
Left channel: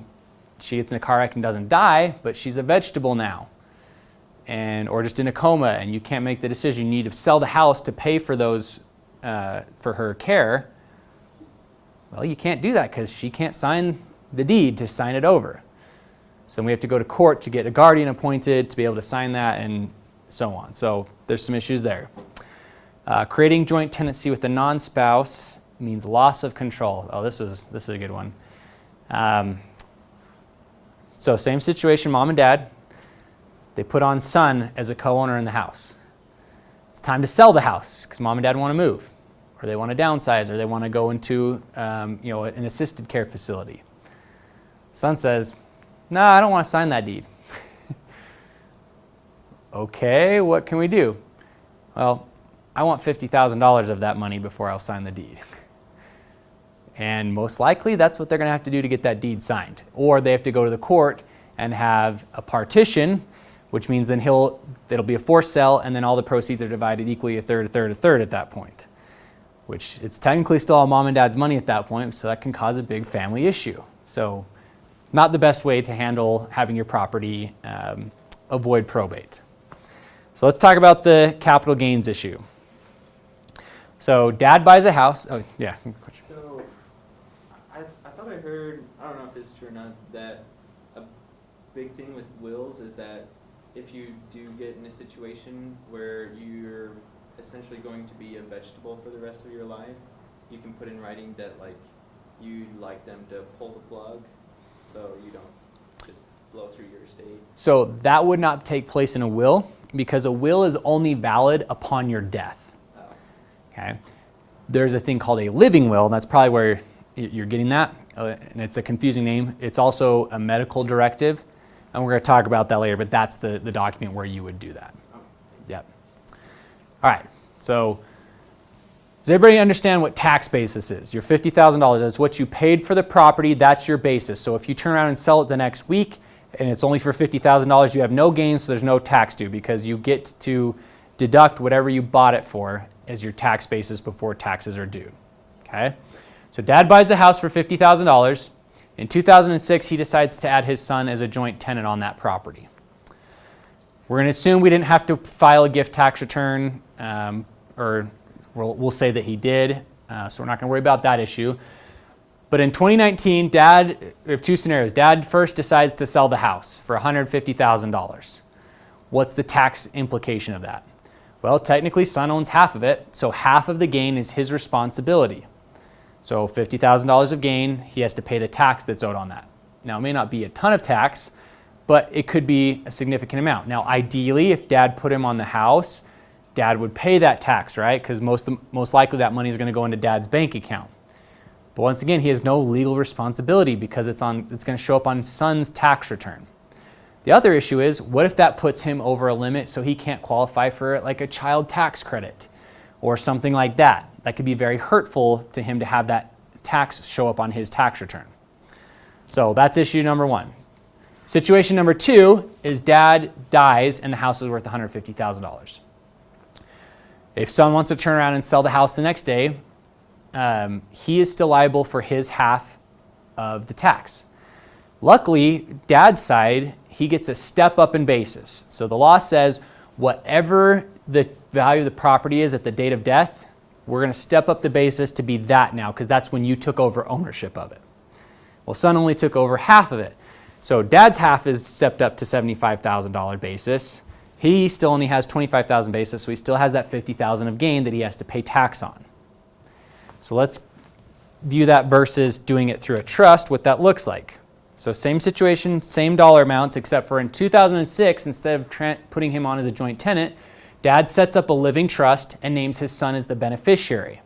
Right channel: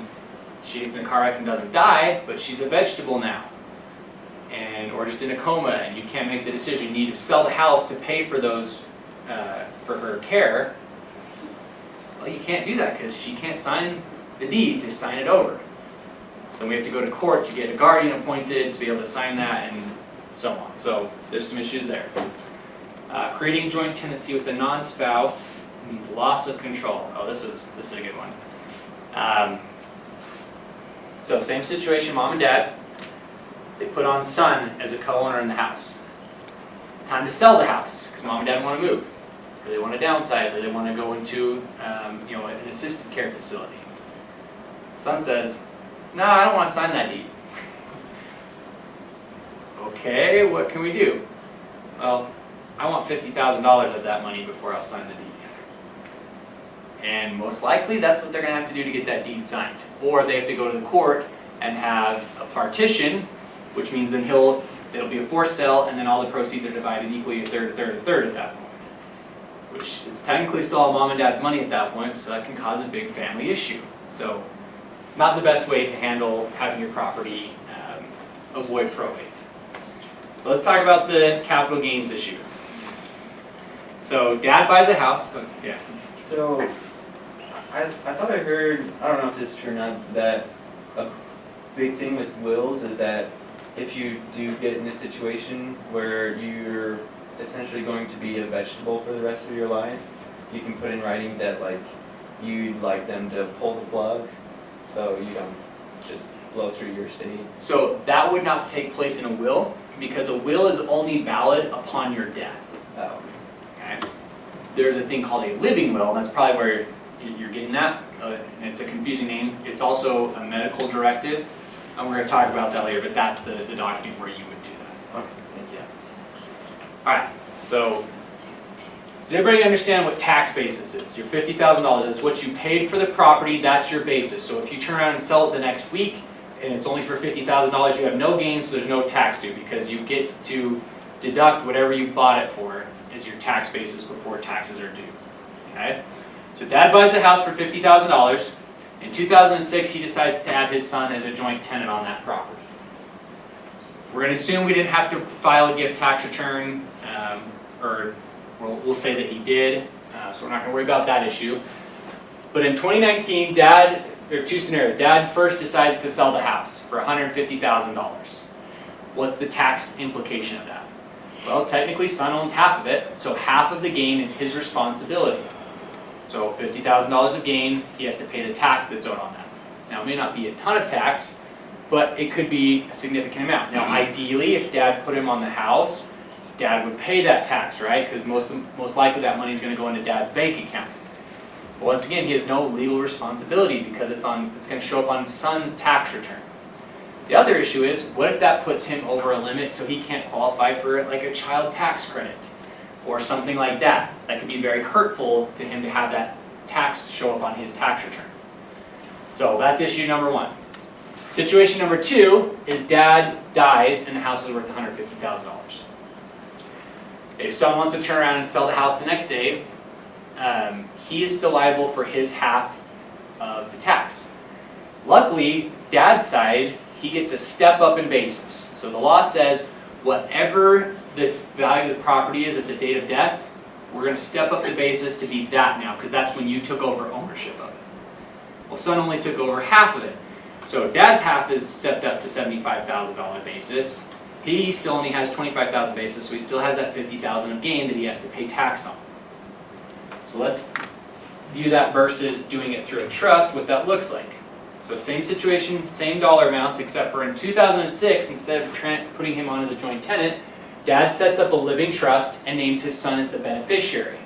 she gets in a car wreck and doesn't die, but she's a vegetable now, or just in a coma, and you can't make the decision. You need to sell the house to pay for for her care. Well, you can't do that because she can't sign the deed to sign it over. So we have to go to court to get a guardian appointed to be able to sign that, and so on. So there's some issues there. Creating joint tenancy with a non-spouse means loss of control. Oh, this is a good one. So same situation, mom and dad. They put on son as a co-owner in the house. It's time to sell the house because mom and dad want to move, or they want to downsize, or they want to go into an assisted care facility. Son says, no, I don't want to sign that deed. Okay, what can we do? Well, I want $50,000 of that money before I'll sign the deed. And most likely that's what they're going to have to do to get that deed signed. Or they have to go to the court and have a partition, which means then it'll be a forced sale, and then all the proceeds are divided equally, a third at that point. Which it's technically still all mom and dad's money at that point, so that can cause a big family issue. So not the best way to handle having your property avoid probate. So let's talk about the capital gains issue. So dad buys a house. Oh, yeah. So, I thought I heard, I don't know if this is true or not, that a big thing with wills is that if you do get in a situation where you're essentially going to be a vegetable for the rest of your life, you can put in writing that like you'd like them to pull the plug so you don't just blow through your estate. So that would not take place in a will, because a will is only valid upon your death. Oh. Okay. There's a thing called a living will, and that's probably where you're getting that. And it's a confusing name. It's also a medical directive, and we're going to talk about that later, but that's the document where you would do that. Okay. Yeah. All right. So does everybody understand what tax basis is? Your $50,000 is what you paid for the property. That's your basis. So if you turn around and sell it the next week, and it's only for $50,000, you have no gains, so there's no tax due, because you get to deduct whatever you bought it for as your tax basis before taxes are due. Okay? So dad buys a house for $50,000. In 2006, he decides to add his son as a joint tenant on that property. We're going to assume we didn't have to file a gift tax return, or we'll say that he did, so we're not going to worry about that issue. But in 2019, there are two scenarios. Dad first decides to sell the house for $150,000. What's the tax implication of that? Well, technically, son owns half of it, so half of the gain is his responsibility. So $50,000 of gain, he has to pay the tax that's owed on that. Now, it may not be a ton of tax, but it could be a significant amount. Now, ideally, if dad put him on the house, dad would pay that tax, right? Because most likely that money is going to go into dad's bank account. But once again, he has no legal responsibility because it's going to show up on son's tax return. The other issue is, what if that puts him over a limit so he can't qualify for like a child tax credit or something like that? That could be very hurtful to him to have that tax show up on his tax return. So that's issue number one. Situation number two is dad dies and the house is worth $150,000. If son wants to turn around and sell the house the next day, he is still liable for his half of the tax. Luckily, dad's side, he gets a step up in basis. So the law says whatever the value of the property is at the date of death, we're going to step up the basis to be that now, because that's when you took over ownership of it. Well, son only took over half of it. So dad's half is stepped up to $75,000 basis. He still only has $25,000 basis, so he still has that $50,000 of gain that he has to pay tax on. So let's view that versus doing it through a trust, what that looks like. So same situation, same dollar amounts, except for in 2006, instead of putting him on as a joint tenant, dad sets up a living trust and names his son as the beneficiary.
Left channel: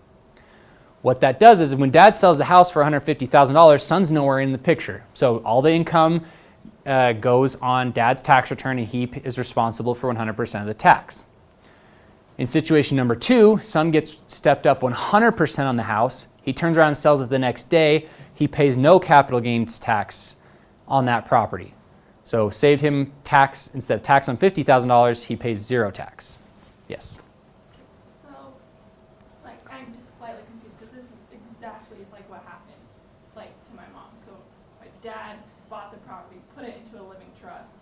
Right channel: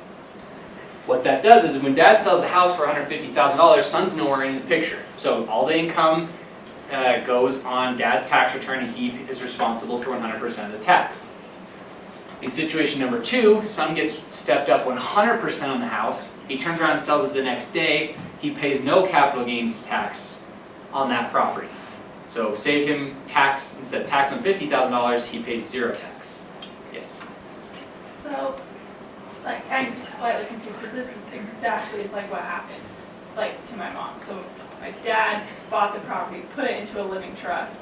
What that does is when dad sells the house for $150,000, son's nowhere in the picture. So all the income goes on dad's tax return, and he is responsible for 100% of the tax. In situation number two, son gets stepped up 100% on the house. He turns around and sells it the next day. He pays no capital gains tax on that property. So save him tax, instead of tax on $50,000, he pays zero tax. Yes? So, like, I'm just slightly confused, because this is exactly like what happened, like, to my mom. So my dad bought the property, put it into a living trust,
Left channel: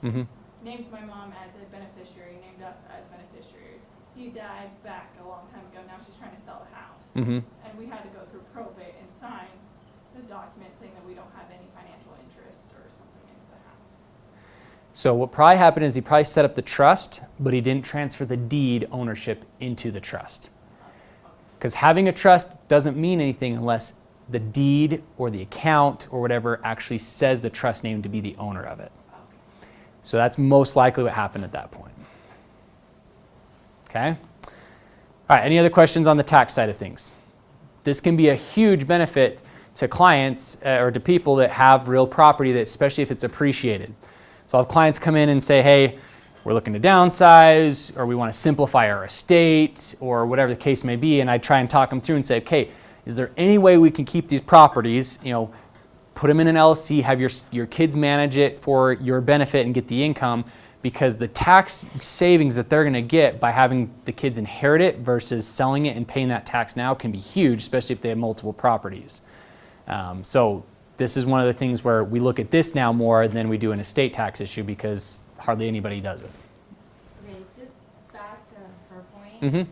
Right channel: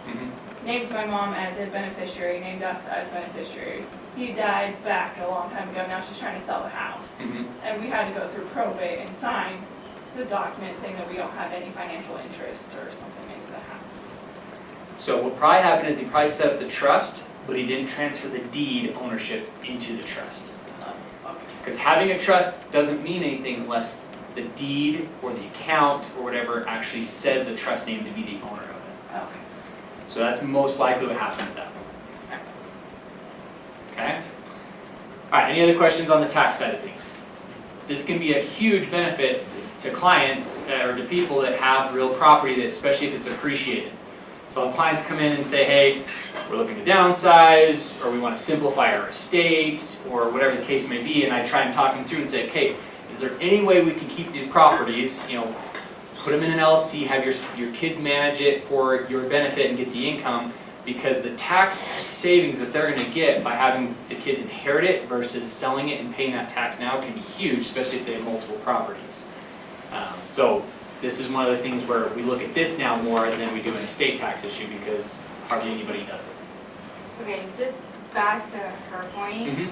named my mom as a beneficiary, named us as beneficiaries. He died back a long time ago. Now she's trying to sell the house. And we had to go through probate and sign the document saying that we don't have any financial interest or something into the house. So what probably happened is he probably set up the trust, but he didn't transfer the deed ownership into the trust. Because having a trust doesn't mean anything unless the deed or the account or whatever actually says the trust name to be the owner of it. Okay. So that's most likely what happened at that point. Okay? All right, any other questions on the tax side of things? This can be a huge benefit to clients or to people that have real property, that especially if it's appreciated. So I'll have clients come in and say, hey, we're looking to downsize, or we want to simplify our estate, or whatever the case may be, and I try and talk them through and say, okay, is there any way we can keep these properties, put them in an LLC, have your kids manage it for your benefit and get the income, because the tax savings that they're going to get by having the kids inherit it versus selling it and paying that tax now can be huge, especially if they have multiple properties. So this is one of the things where we look at this now more than we do an estate tax issue, because hardly anybody does it. Okay, just back to her point, Mhm.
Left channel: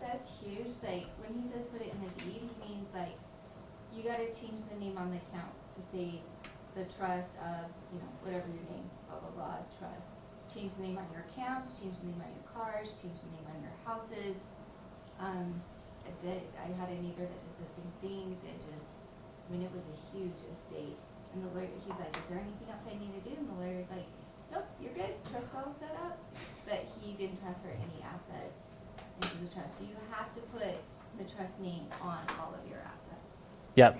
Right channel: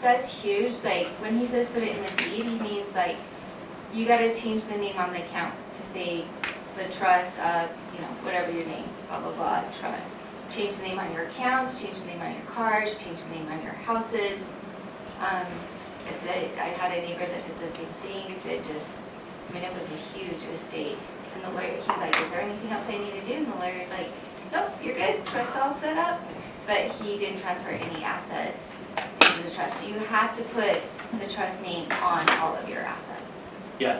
that's huge. Like, when he says put it in the deed, he means like, you gotta change the name on the account to say the trust of, whatever your name, blah, blah, blah, trust. Change the name on your accounts, change the name on your cars, change the name on your houses. I had a neighbor that did the same thing, it was a huge estate. And the lawyer, he's like, is there anything else I need to do? And the lawyer's like, nope, you're good, trust's all set up. But he didn't transfer any assets into the trust. So you have to put the trust name on all of your assets. Yeah,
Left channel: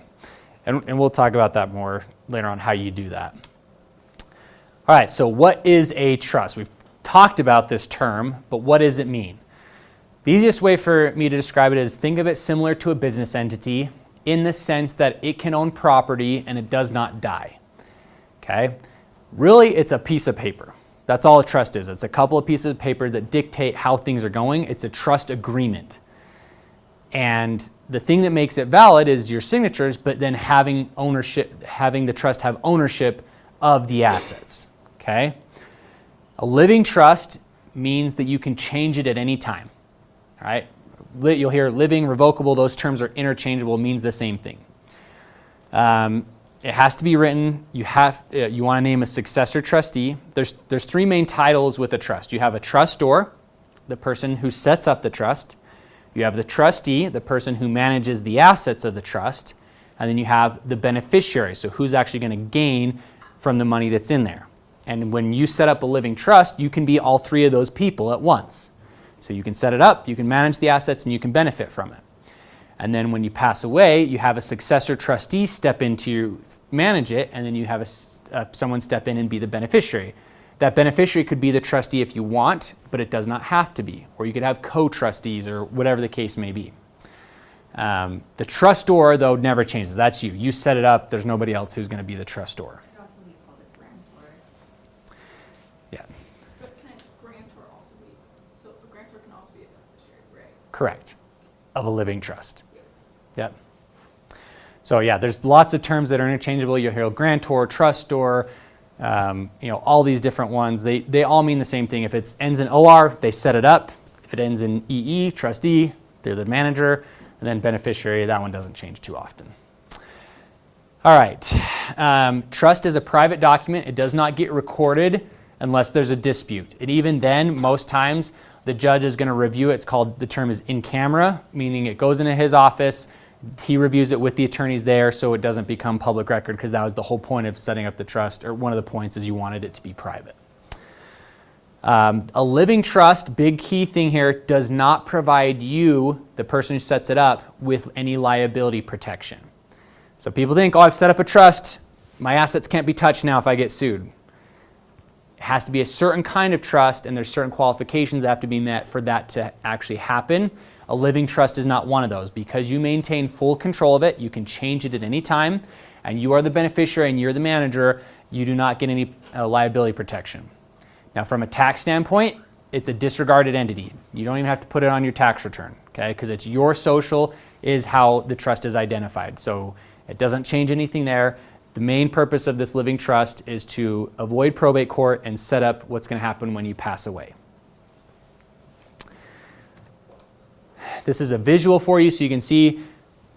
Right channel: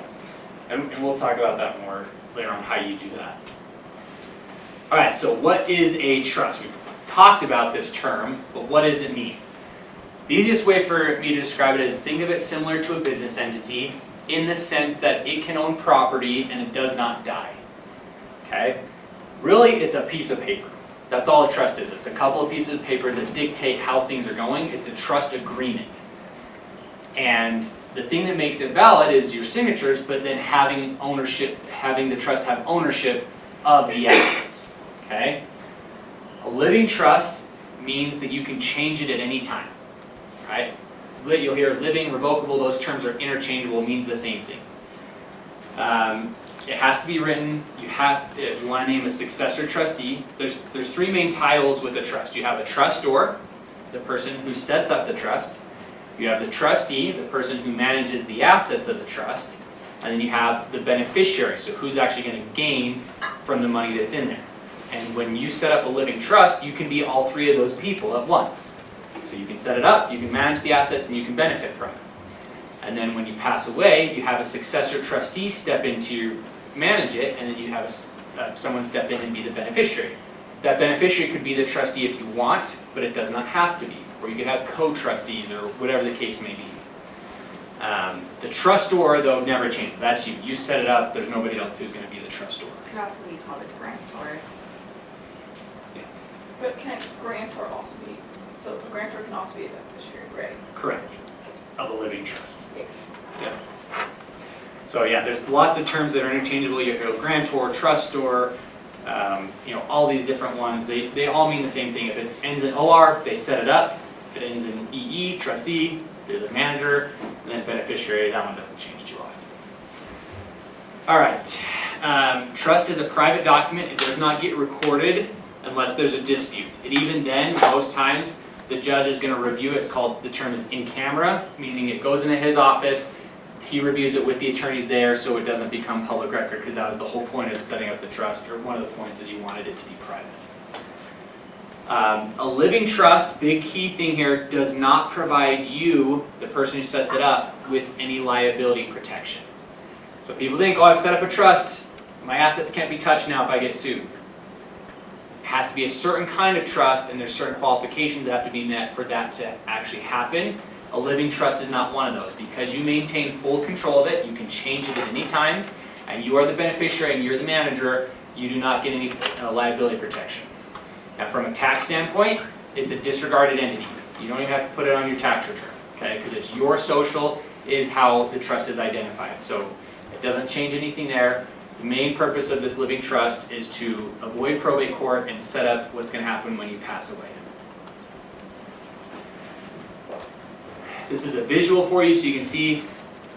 and we'll talk about that more later on, how you do that. All right, so what is a trust? We've talked about this term, but what does it mean? The easiest way for me to describe it is, think of it similar to a business entity in the sense that it can own property and it does not die. Okay? Really, it's a piece of paper. That's all a trust is. It's a couple of pieces of paper that dictate how things are going. It's a trust agreement. And the thing that makes it valid is your signatures, but then having the trust have ownership of the assets. Okay? A living trust means that you can change it at any time. Right? You'll hear living, revocable, those terms are interchangeable, means the same thing. It has to be written. You want to name a successor trustee. There's three main titles with a trust. You have a trustor, the person who sets up the trust. You have the trustee, the person who manages the assets of the trust. And then you have the beneficiary, so who's actually going to gain from the money that's in there. And when you set up a living trust, you can be all three of those people at once. So you can set it up, you can manage the assets, and you can benefit from it. And then when you pass away, you have a successor trustee step in to manage it, and then you have someone step in and be the beneficiary. That beneficiary could be the trustee if you want, but it does not have to be. Or you could have co-trustees or whatever the case may be. The trustor, though, never changes. That's you. You set it up. There's nobody else who's going to be the trustor. Could also be called a grantor. Yeah. But can grantor also be, so a grantor can also be a beneficiary, right? Correct. Of a living trust. Yeah. So yeah, there's lots of terms that are interchangeable. You hear grantor, trustor, all these different ones. They all mean the same thing. If it ends in OR, they set it up. If it ends in EE, trustee, they're the manager. And then beneficiary, that one doesn't change too often. All right. Trust is a private document. It does not get recorded unless there's a dispute. And even then, most times, the judge is going to review it. The term is in camera, meaning it goes into his office. He reviews it with the attorneys there so it doesn't become public record, because that was the whole point of setting up the trust, or one of the points is you wanted it to be private. A living trust, big key thing here, does not provide you, the person who sets it up, with any liability protection. So people think, I've set up a trust, my assets can't be touched now if I get sued. It has to be a certain kind of trust, and there's certain qualifications that have to be met for that to actually happen. A living trust is not one of those. Because you maintain full control of it, you can change it at any time, and you are the beneficiary and you're the manager, you do not get any liability protection. Now, from a tax standpoint, it's a disregarded entity. You don't even have to put it on your tax return, okay? Because it's your social is how the trust is identified. So it doesn't change anything there. The main purpose of this living trust is to avoid probate court and set up what's going to happen when you pass away. This is a visual for you so you can see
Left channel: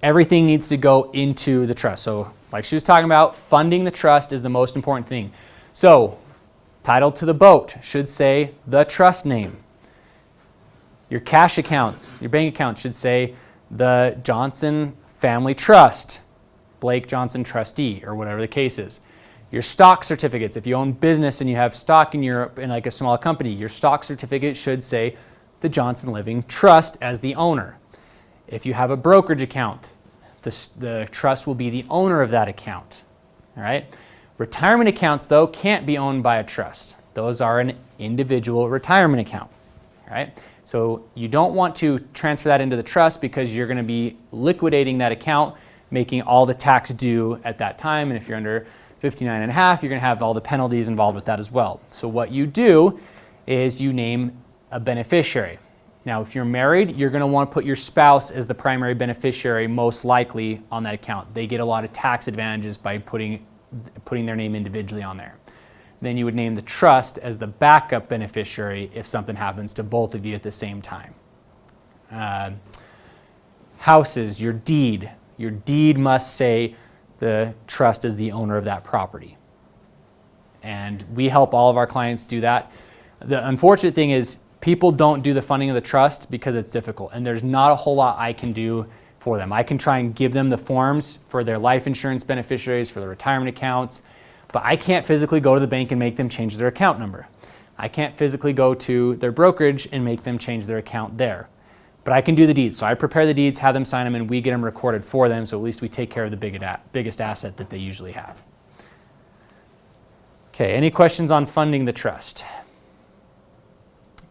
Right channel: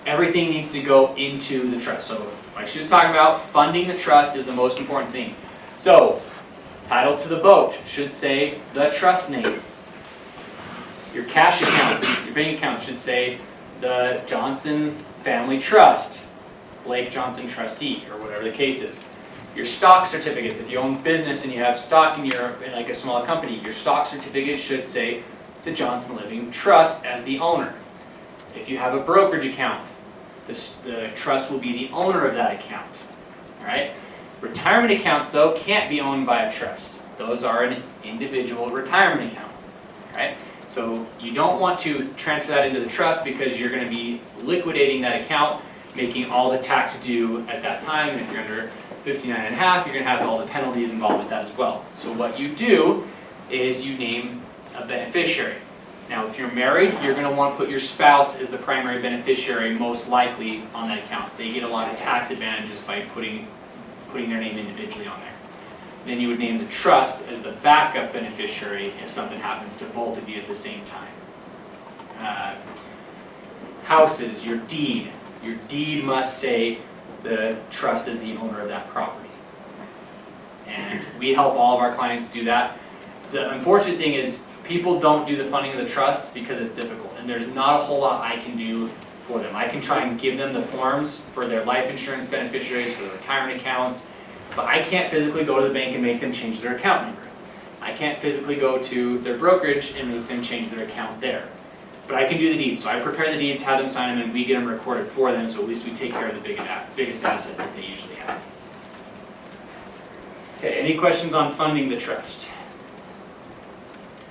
everything needs to go into the trust. So like she was talking about, funding the trust is the most important thing. So title to the boat should say the trust name. Your cash accounts, your bank accounts should say the Johnson Family Trust, Blake Johnson Trustee, or whatever the case is. Your stock certificates, if you own business and you have stock in like a small company, your stock certificate should say the Johnson Living Trust as the owner. If you have a brokerage account, the trust will be the owner of that account. All right? Retirement accounts, though, can't be owned by a trust. Those are an individual retirement account. All right? So you don't want to transfer that into the trust because you're going to be liquidating that account, making all the tax due at that time. And if you're under 59 and a half, you're going to have all the penalties involved with that as well. So what you do is you name a beneficiary. Now, if you're married, you're going to want to put your spouse as the primary beneficiary, most likely, on that account. They get a lot of tax advantages by putting their name individually on there. Then you would name the trust as the backup beneficiary if something happens to both of you at the same time. Houses, your deed. Your deed must say the trust is the owner of that property. And we help all of our clients do that. The unfortunate thing is people don't do the funding of the trust because it's difficult, and there's not a whole lot I can do for them. I can try and give them the forms for their life insurance beneficiaries, for their retirement accounts, but I can't physically go to the bank and make them change their account number. I can't physically go to their brokerage and make them change their account there. But I can do the deeds. So I prepare the deeds, have them sign them, and we get them recorded for them, so at least we take care of the biggest asset that they usually have. Okay, any questions on funding the trust?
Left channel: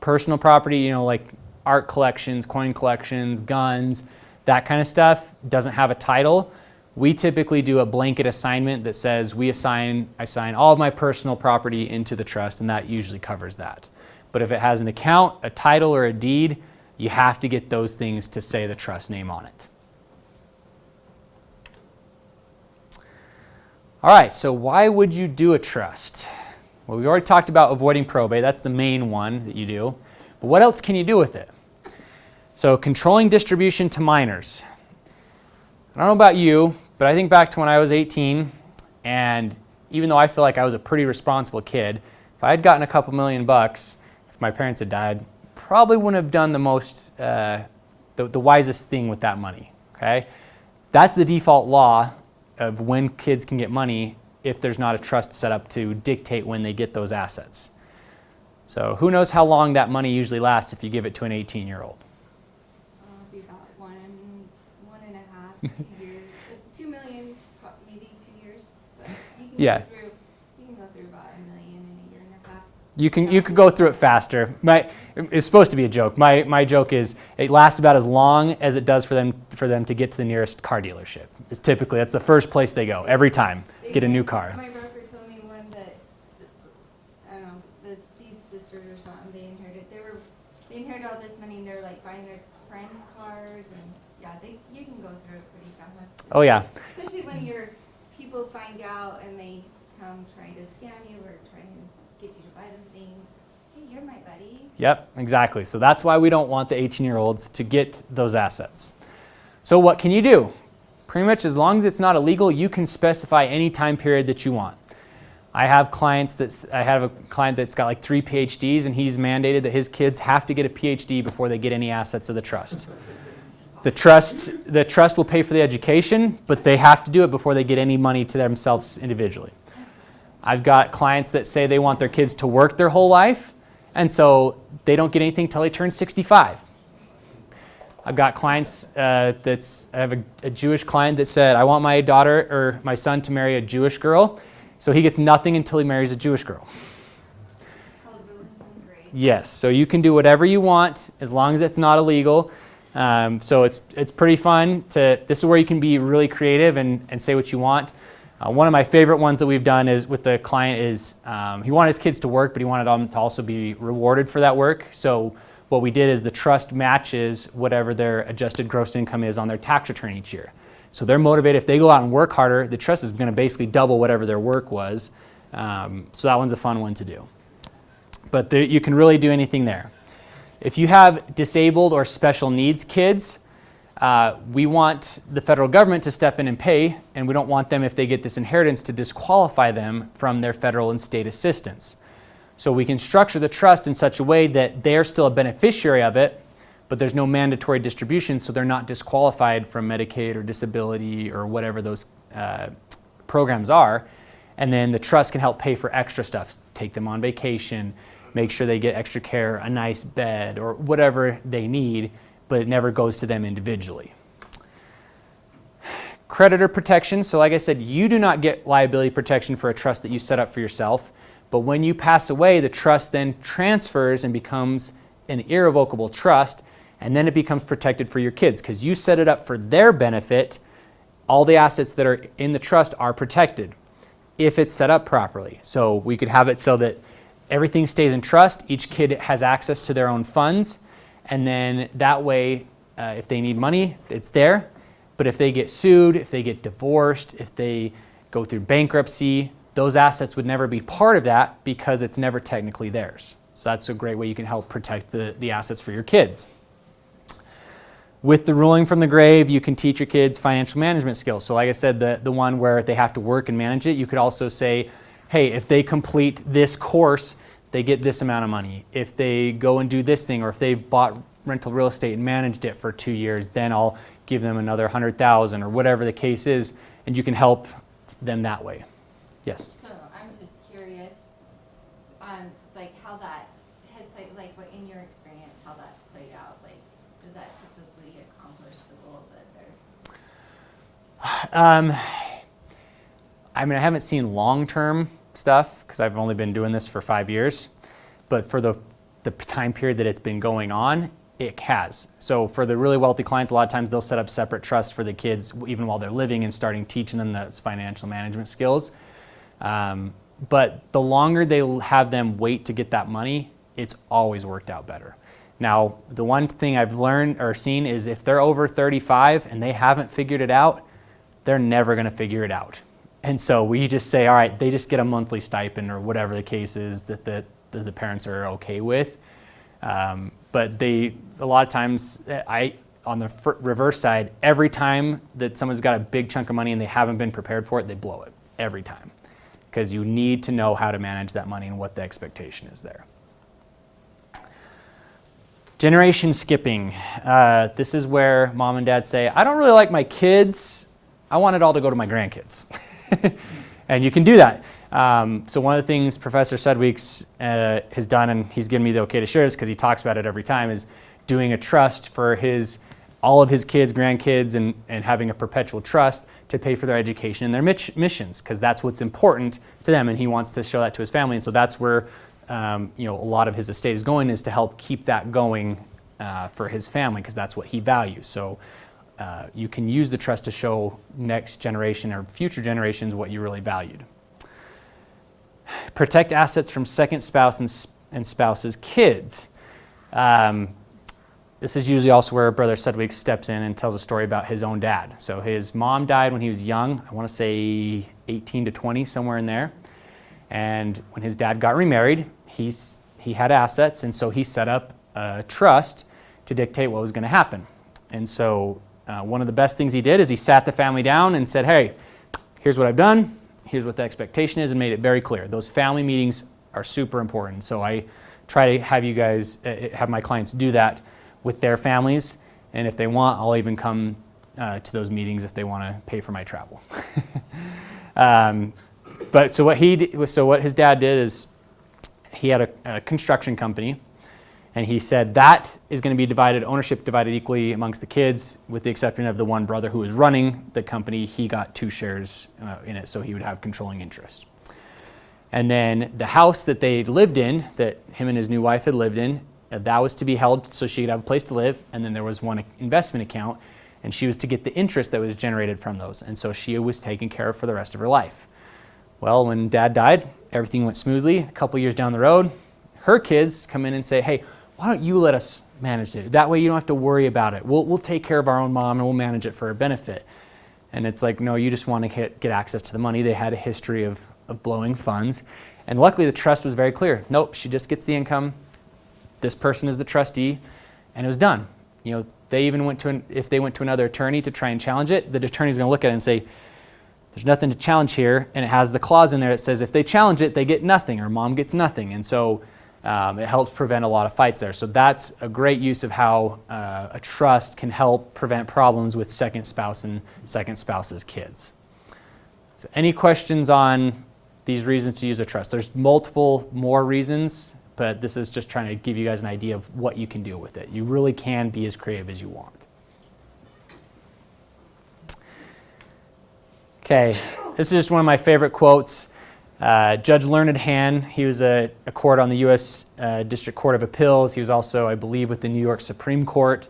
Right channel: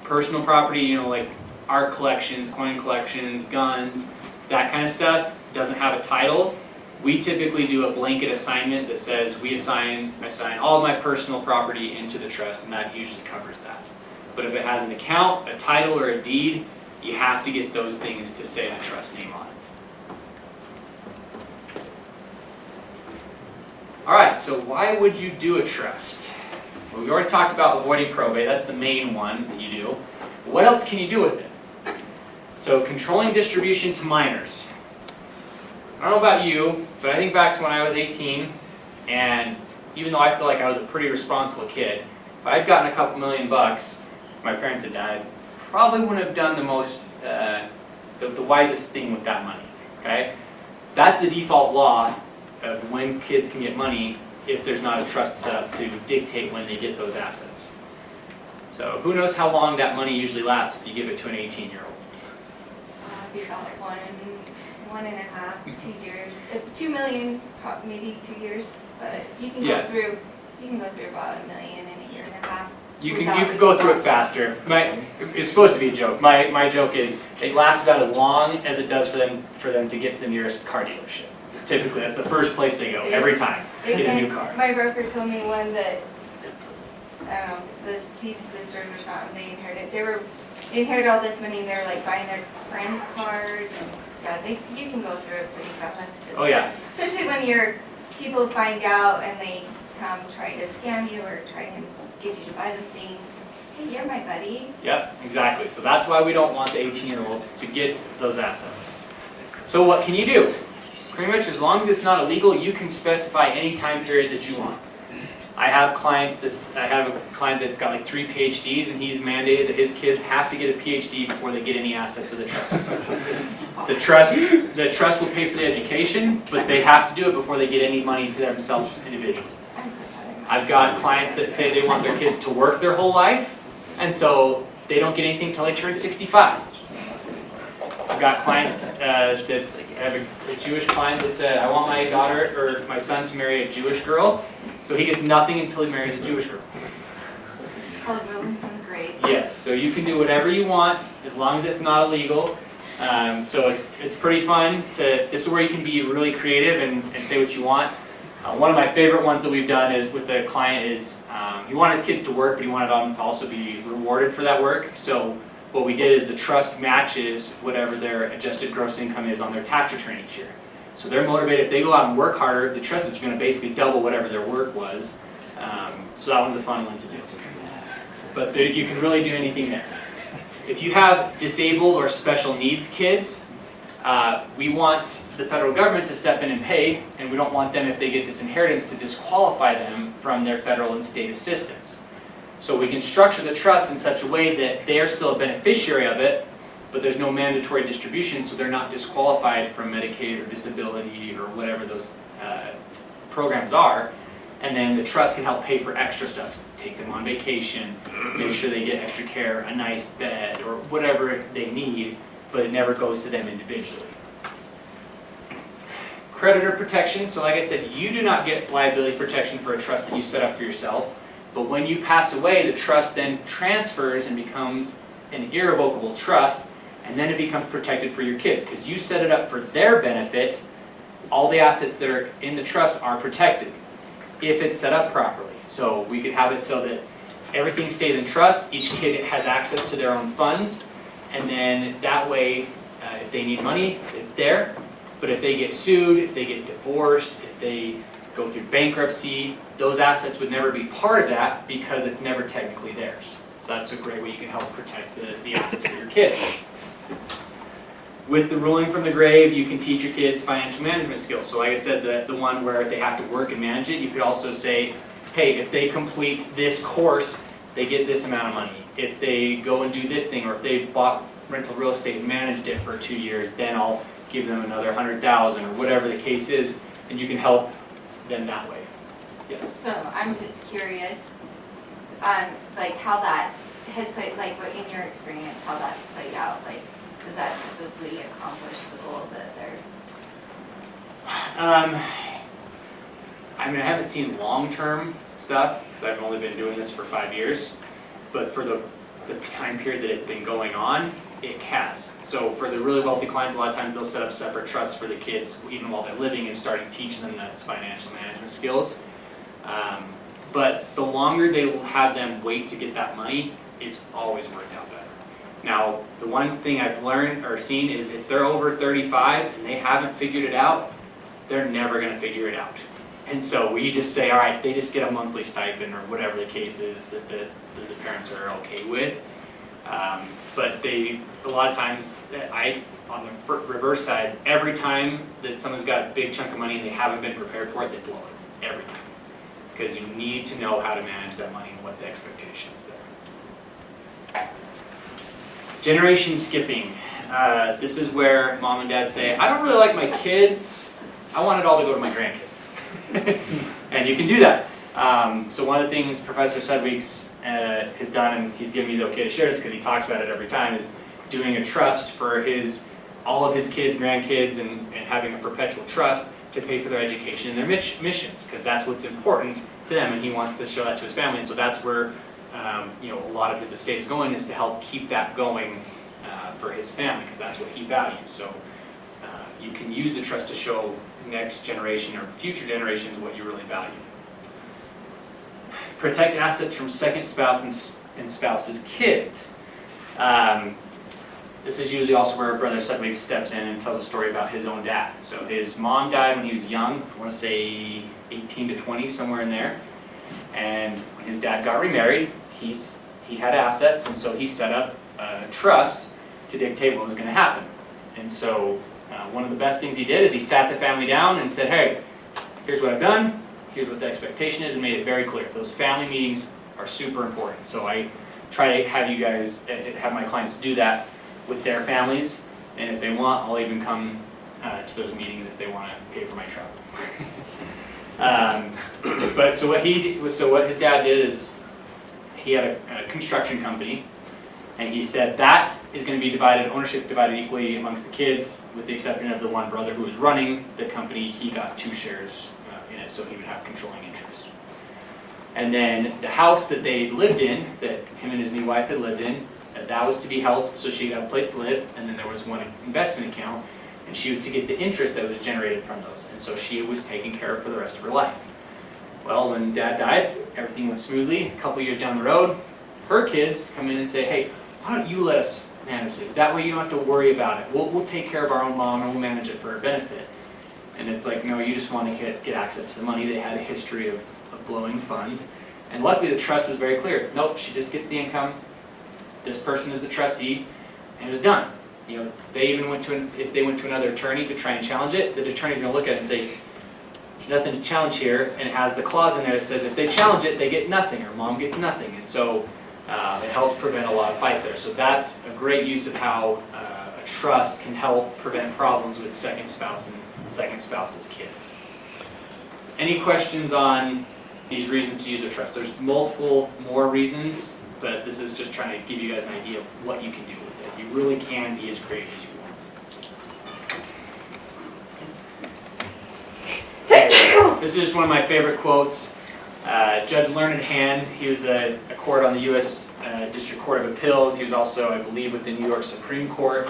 Personal property, like art collections, coin collections, guns, that kind of stuff doesn't have a title. We typically do a blanket assignment that says I assign all of my personal property into the trust, and that usually covers that. But if it has an account, a title, or a deed, you have to get those things to say the trust name on it. All right, so why would you do a trust? Well, we already talked about avoiding probate. That's the main one that you do. But what else can you do with it? So controlling distribution to minors. I don't know about you, but I think back to when I was 18, and even though I feel like I was a pretty responsible kid, if I had gotten a couple $1,000,000, if my parents had died, probably wouldn't have done the wisest thing with that money. Okay, that's the default law of when kids can get money if there's not a trust set up to dictate when they get those assets. So who knows how long that money usually lasts if you give it to an 18-year-old? Be about 1.5, 2 years. 2 million, maybe 2 years, but you can Yeah. go through about $1 million in a year and a half. You could go through it faster. It's supposed to be a joke. My joke is it lasts about as long as it does for them to get to the nearest car dealership. It's typically that's the first place they go every time. Get a new car. My broker told me one that I don't know, these sisters or something, they inherited all this money and they're like buying their friends' cars, and yeah, you can go through it pretty fast. Oh yeah. Especially when people find out and they come trying to scam you or try and get you to buy the thing. Hey, you're my buddy. Yep, exactly. So that's why we don't want the 18-year-olds to get those assets. So what can you do? Pretty much as long as it's not illegal, you can specify any time period that you want. I have a client that's got like 3 PhDs, and he's mandated that his kids have to get a PhD before they get any assets of the trust. The trust will pay for the education, but they have to do it before they get any money to themselves individually. I've got clients that say they want their kids to work their whole life, and so they don't get anything until they turn 65. I've got clients I have a Jewish client that said, I want my daughter or my son to marry a Jewish girl, so he gets nothing until he marries a Jewish girl. This is called really great. Yes, so you can do whatever you want as long as it's not illegal. So it's pretty fun. This is where you can be really creative and say what you want. One of my favorite ones that we've done is with the client is he wanted his kids to work, but he wanted them to also be rewarded for that work. So what we did is the trust matches whatever their adjusted gross income is on their tax return each year. So they're motivated. If they go out and work harder, the trust is going to basically double whatever their work was. So that one's a fun one to do. But you can really do anything there. If you have disabled or special needs kids, we want the federal government to step in and pay, and we don't want them, if they get this inheritance, to disqualify them from their federal and state assistance. So we can structure the trust in such a way that they're still a beneficiary of it, but there's no mandatory distribution, so they're not disqualified from Medicaid or disability or whatever those programs are. And then the trust can help pay for extra stuff, take them on vacation, make sure they get extra care, a nice bed, or whatever they need, but it never goes to them individually. Creditor protection. So like I said, you do not get liability protection for a trust that you set up for yourself, but when you pass away, the trust then transfers and becomes an irrevocable trust, and then it becomes protected for your kids because you set it up for their benefit. All the assets that are in the trust are protected if it's set up properly. So we could have it so that everything stays in trust, each kid has access to their own funds, and then that way, if they need money, it's there. But if they get sued, if they get divorced, if they go through bankruptcy, those assets would never be part of that because it's never technically theirs. So that's a great way you can help protect the assets for your kids. With the ruling from the grave, you can teach your kids financial management skills. So like I said, the one where if they have to work and manage it, you could also say, hey, if they complete this course, they get this amount of money. If they go and do this thing, or if they bought rental real estate and managed it for 2 years, then I'll give them another $100,000 or whatever the case is, and you can help them that way. Yes? So I'm just curious, like how that has played, like what in your experience, how that's played out, like does that typically accomplish the goal that they're? I mean, I haven't seen long-term stuff because I've only been doing this for 5 years, but for the time period that it's been going on, it has. So for the really wealthy clients, a lot of times they'll set up separate trusts for the kids even while they're living and starting teaching them those financial management skills. But the longer they will have them wait to get that money, it's always worked out better. Now, the one thing I've learned or seen is if they're over 35 and they haven't figured it out, they're never going to figure it out. And so we just say, all right, they just get a monthly stipend or whatever the case is that the parents are okay with. But a lot of times, on the reverse side, every time that someone's got a big chunk of money and they haven't been prepared for it, they blow it every time. Because you need to know how to manage that money and what the expectation is there. Generation skipping. This is where mom and dad say, I don't really like my kids. I want it all to go to my grandkids. And you can do that. So one of the things Professor Sudweeks has done, and he's given me the okay to share this because he talks about it every time, is doing a trust for all of his kids, grandkids, and having a perpetual trust to pay for their education and their missions, because that's what's important to them, and he wants to show that to his family. And so that's where a lot of his estate is going, is to help keep that going for his family, because that's what he values. So you can use the trust to show next generation or future generations what you really value. Protect assets from second spouse and spouse's kids. This is usually also where Brother Sudweeks steps in and tells a story about his own dad. So his mom died when he was young, I want to say 18 to 20, somewhere in there. And when his dad got remarried, he had assets, and so he set up a trust to dictate what was going to happen. And so one of the best things he did is he sat the family down and said, hey, here's what I've done, here's what the expectation is, and made it very clear. Those family meetings are super important. So I try to have you guys, have my clients do that with their families, and if they want, I'll even come to those meetings if they want to pay for my travel. But so what his dad did is he had a construction company, and he said that is going to be ownership divided equally amongst the kids, with the exception of the one brother who was running the company. He got 2 shares in it, so he would have controlling interest. And then the house that they lived in, that him and his new wife had lived in, that was to be held so she had a place to live, and then there was one investment account, and she was to get the interest that was generated from those, and so she was taken care of for the rest of her life. Well, when Dad died, everything went smoothly. A couple years down the road, her kids come in and say, hey, why don't you let us manage it? That way you don't have to worry about it. We'll take care of our own mom, and we'll manage it for her benefit. And it's like, no, you just want to get access to the money. They had a history of blowing funds, and luckily the trust was very clear. Nope, she just gets the income. This person is the trustee, and it was done. They even if they went to another attorney to try and challenge it, the attorney's going to look at it and say, there's nothing to challenge here, and it has the clause in there that says if they challenge it, they get nothing, or mom gets nothing. And so it helps prevent a lot of fights there. So that's a great use of how a trust can help prevent problems with second spouse and second spouse's kids. So any questions on these reasons to use a trust? There's multiple more reasons, but this is just trying to give you guys an idea of what you can do with it. You really can be as creative as you want. Okay, this is just one of my favorite quotes. Judge Learned Hand, he was a court on the U.S. District Court of Appeals. He was also, I believe, with the New York Supreme Court.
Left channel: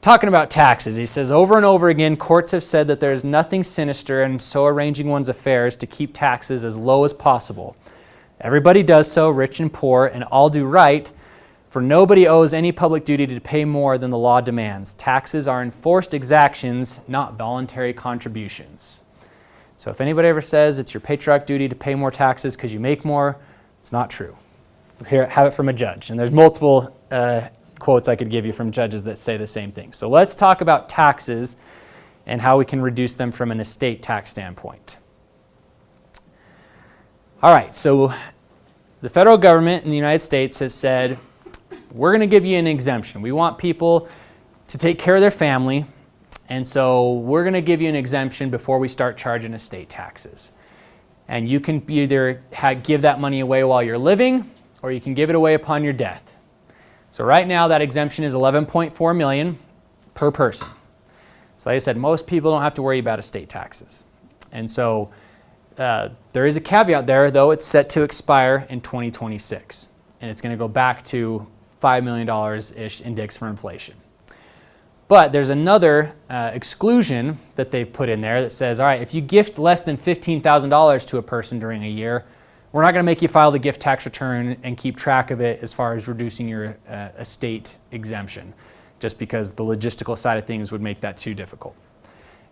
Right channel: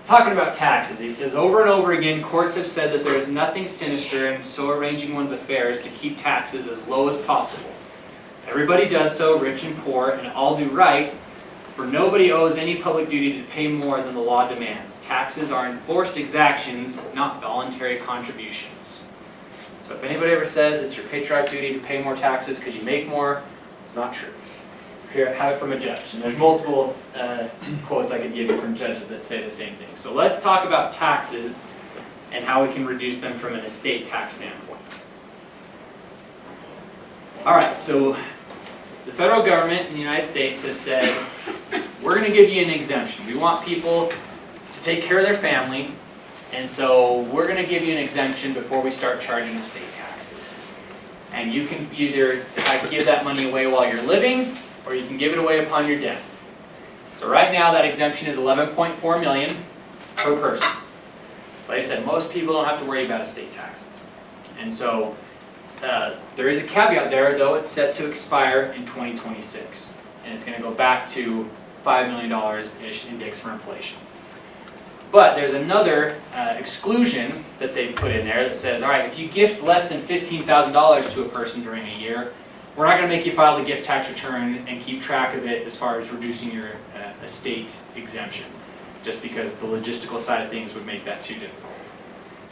Talking about taxes, he says, over and over again, courts have said that there is nothing sinister in so arranging one's affairs to keep taxes as low as possible. Everybody does so, rich and poor, and all do right, for nobody owes any public duty to pay more than the law demands. Taxes are enforced exactions, not voluntary contributions. So if anybody ever says it's your patriotic duty to pay more taxes because you make more, it's not true. Here, have it from a judge. And there's multiple quotes I could give you from judges that say the same thing. So let's talk about taxes and how we can reduce them from an estate tax standpoint. All right, so the federal government in the United States has said, we're going to give you an exemption. We want people to take care of their family, and so we're going to give you an exemption before we start charging estate taxes. And you can either give that money away while you're living, or you can give it away upon your death. So right now that exemption is $11.4 million per person. So like I said, most people don't have to worry about estate taxes. And so there is a caveat there, though it's set to expire in 2026. And it's going to go back to $5 million-ish index for inflation. But there's another exclusion that they put in there that says, all right, if you gift less than $15,000 to a person during a year, we're not going to make you file the gift tax return and keep track of it as far as reducing your estate exemption, just because the logistical side of things would make that too difficult.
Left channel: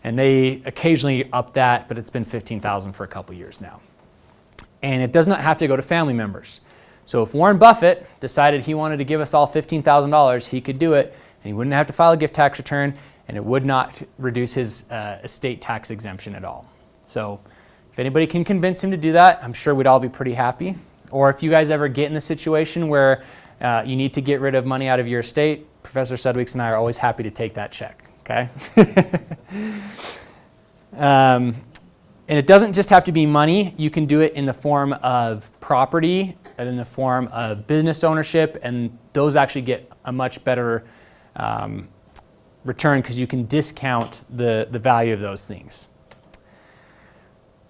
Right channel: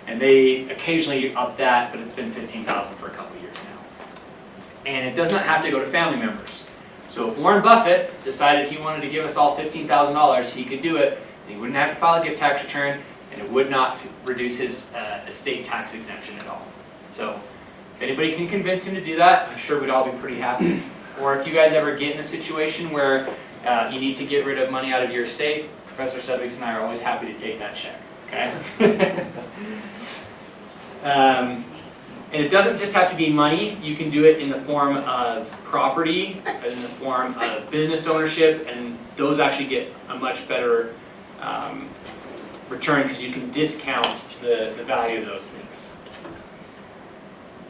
And they occasionally up that, but it's been $15,000 for a couple of years now. And it does not have to go to family members. So if Warren Buffett decided he wanted to give us all $15,000, he could do it, and he wouldn't have to file a gift tax return, and it would not reduce his estate tax exemption at all. So if anybody can convince him to do that, I'm sure we'd all be pretty happy. Or if you guys ever get in a situation where you need to get rid of money out of your estate, Professor Sudweeks and I are always happy to take that check, okay? And it doesn't just have to be money. You can do it in the form of property, in the form of business ownership, and those actually get a much better return because you can discount the value of those things.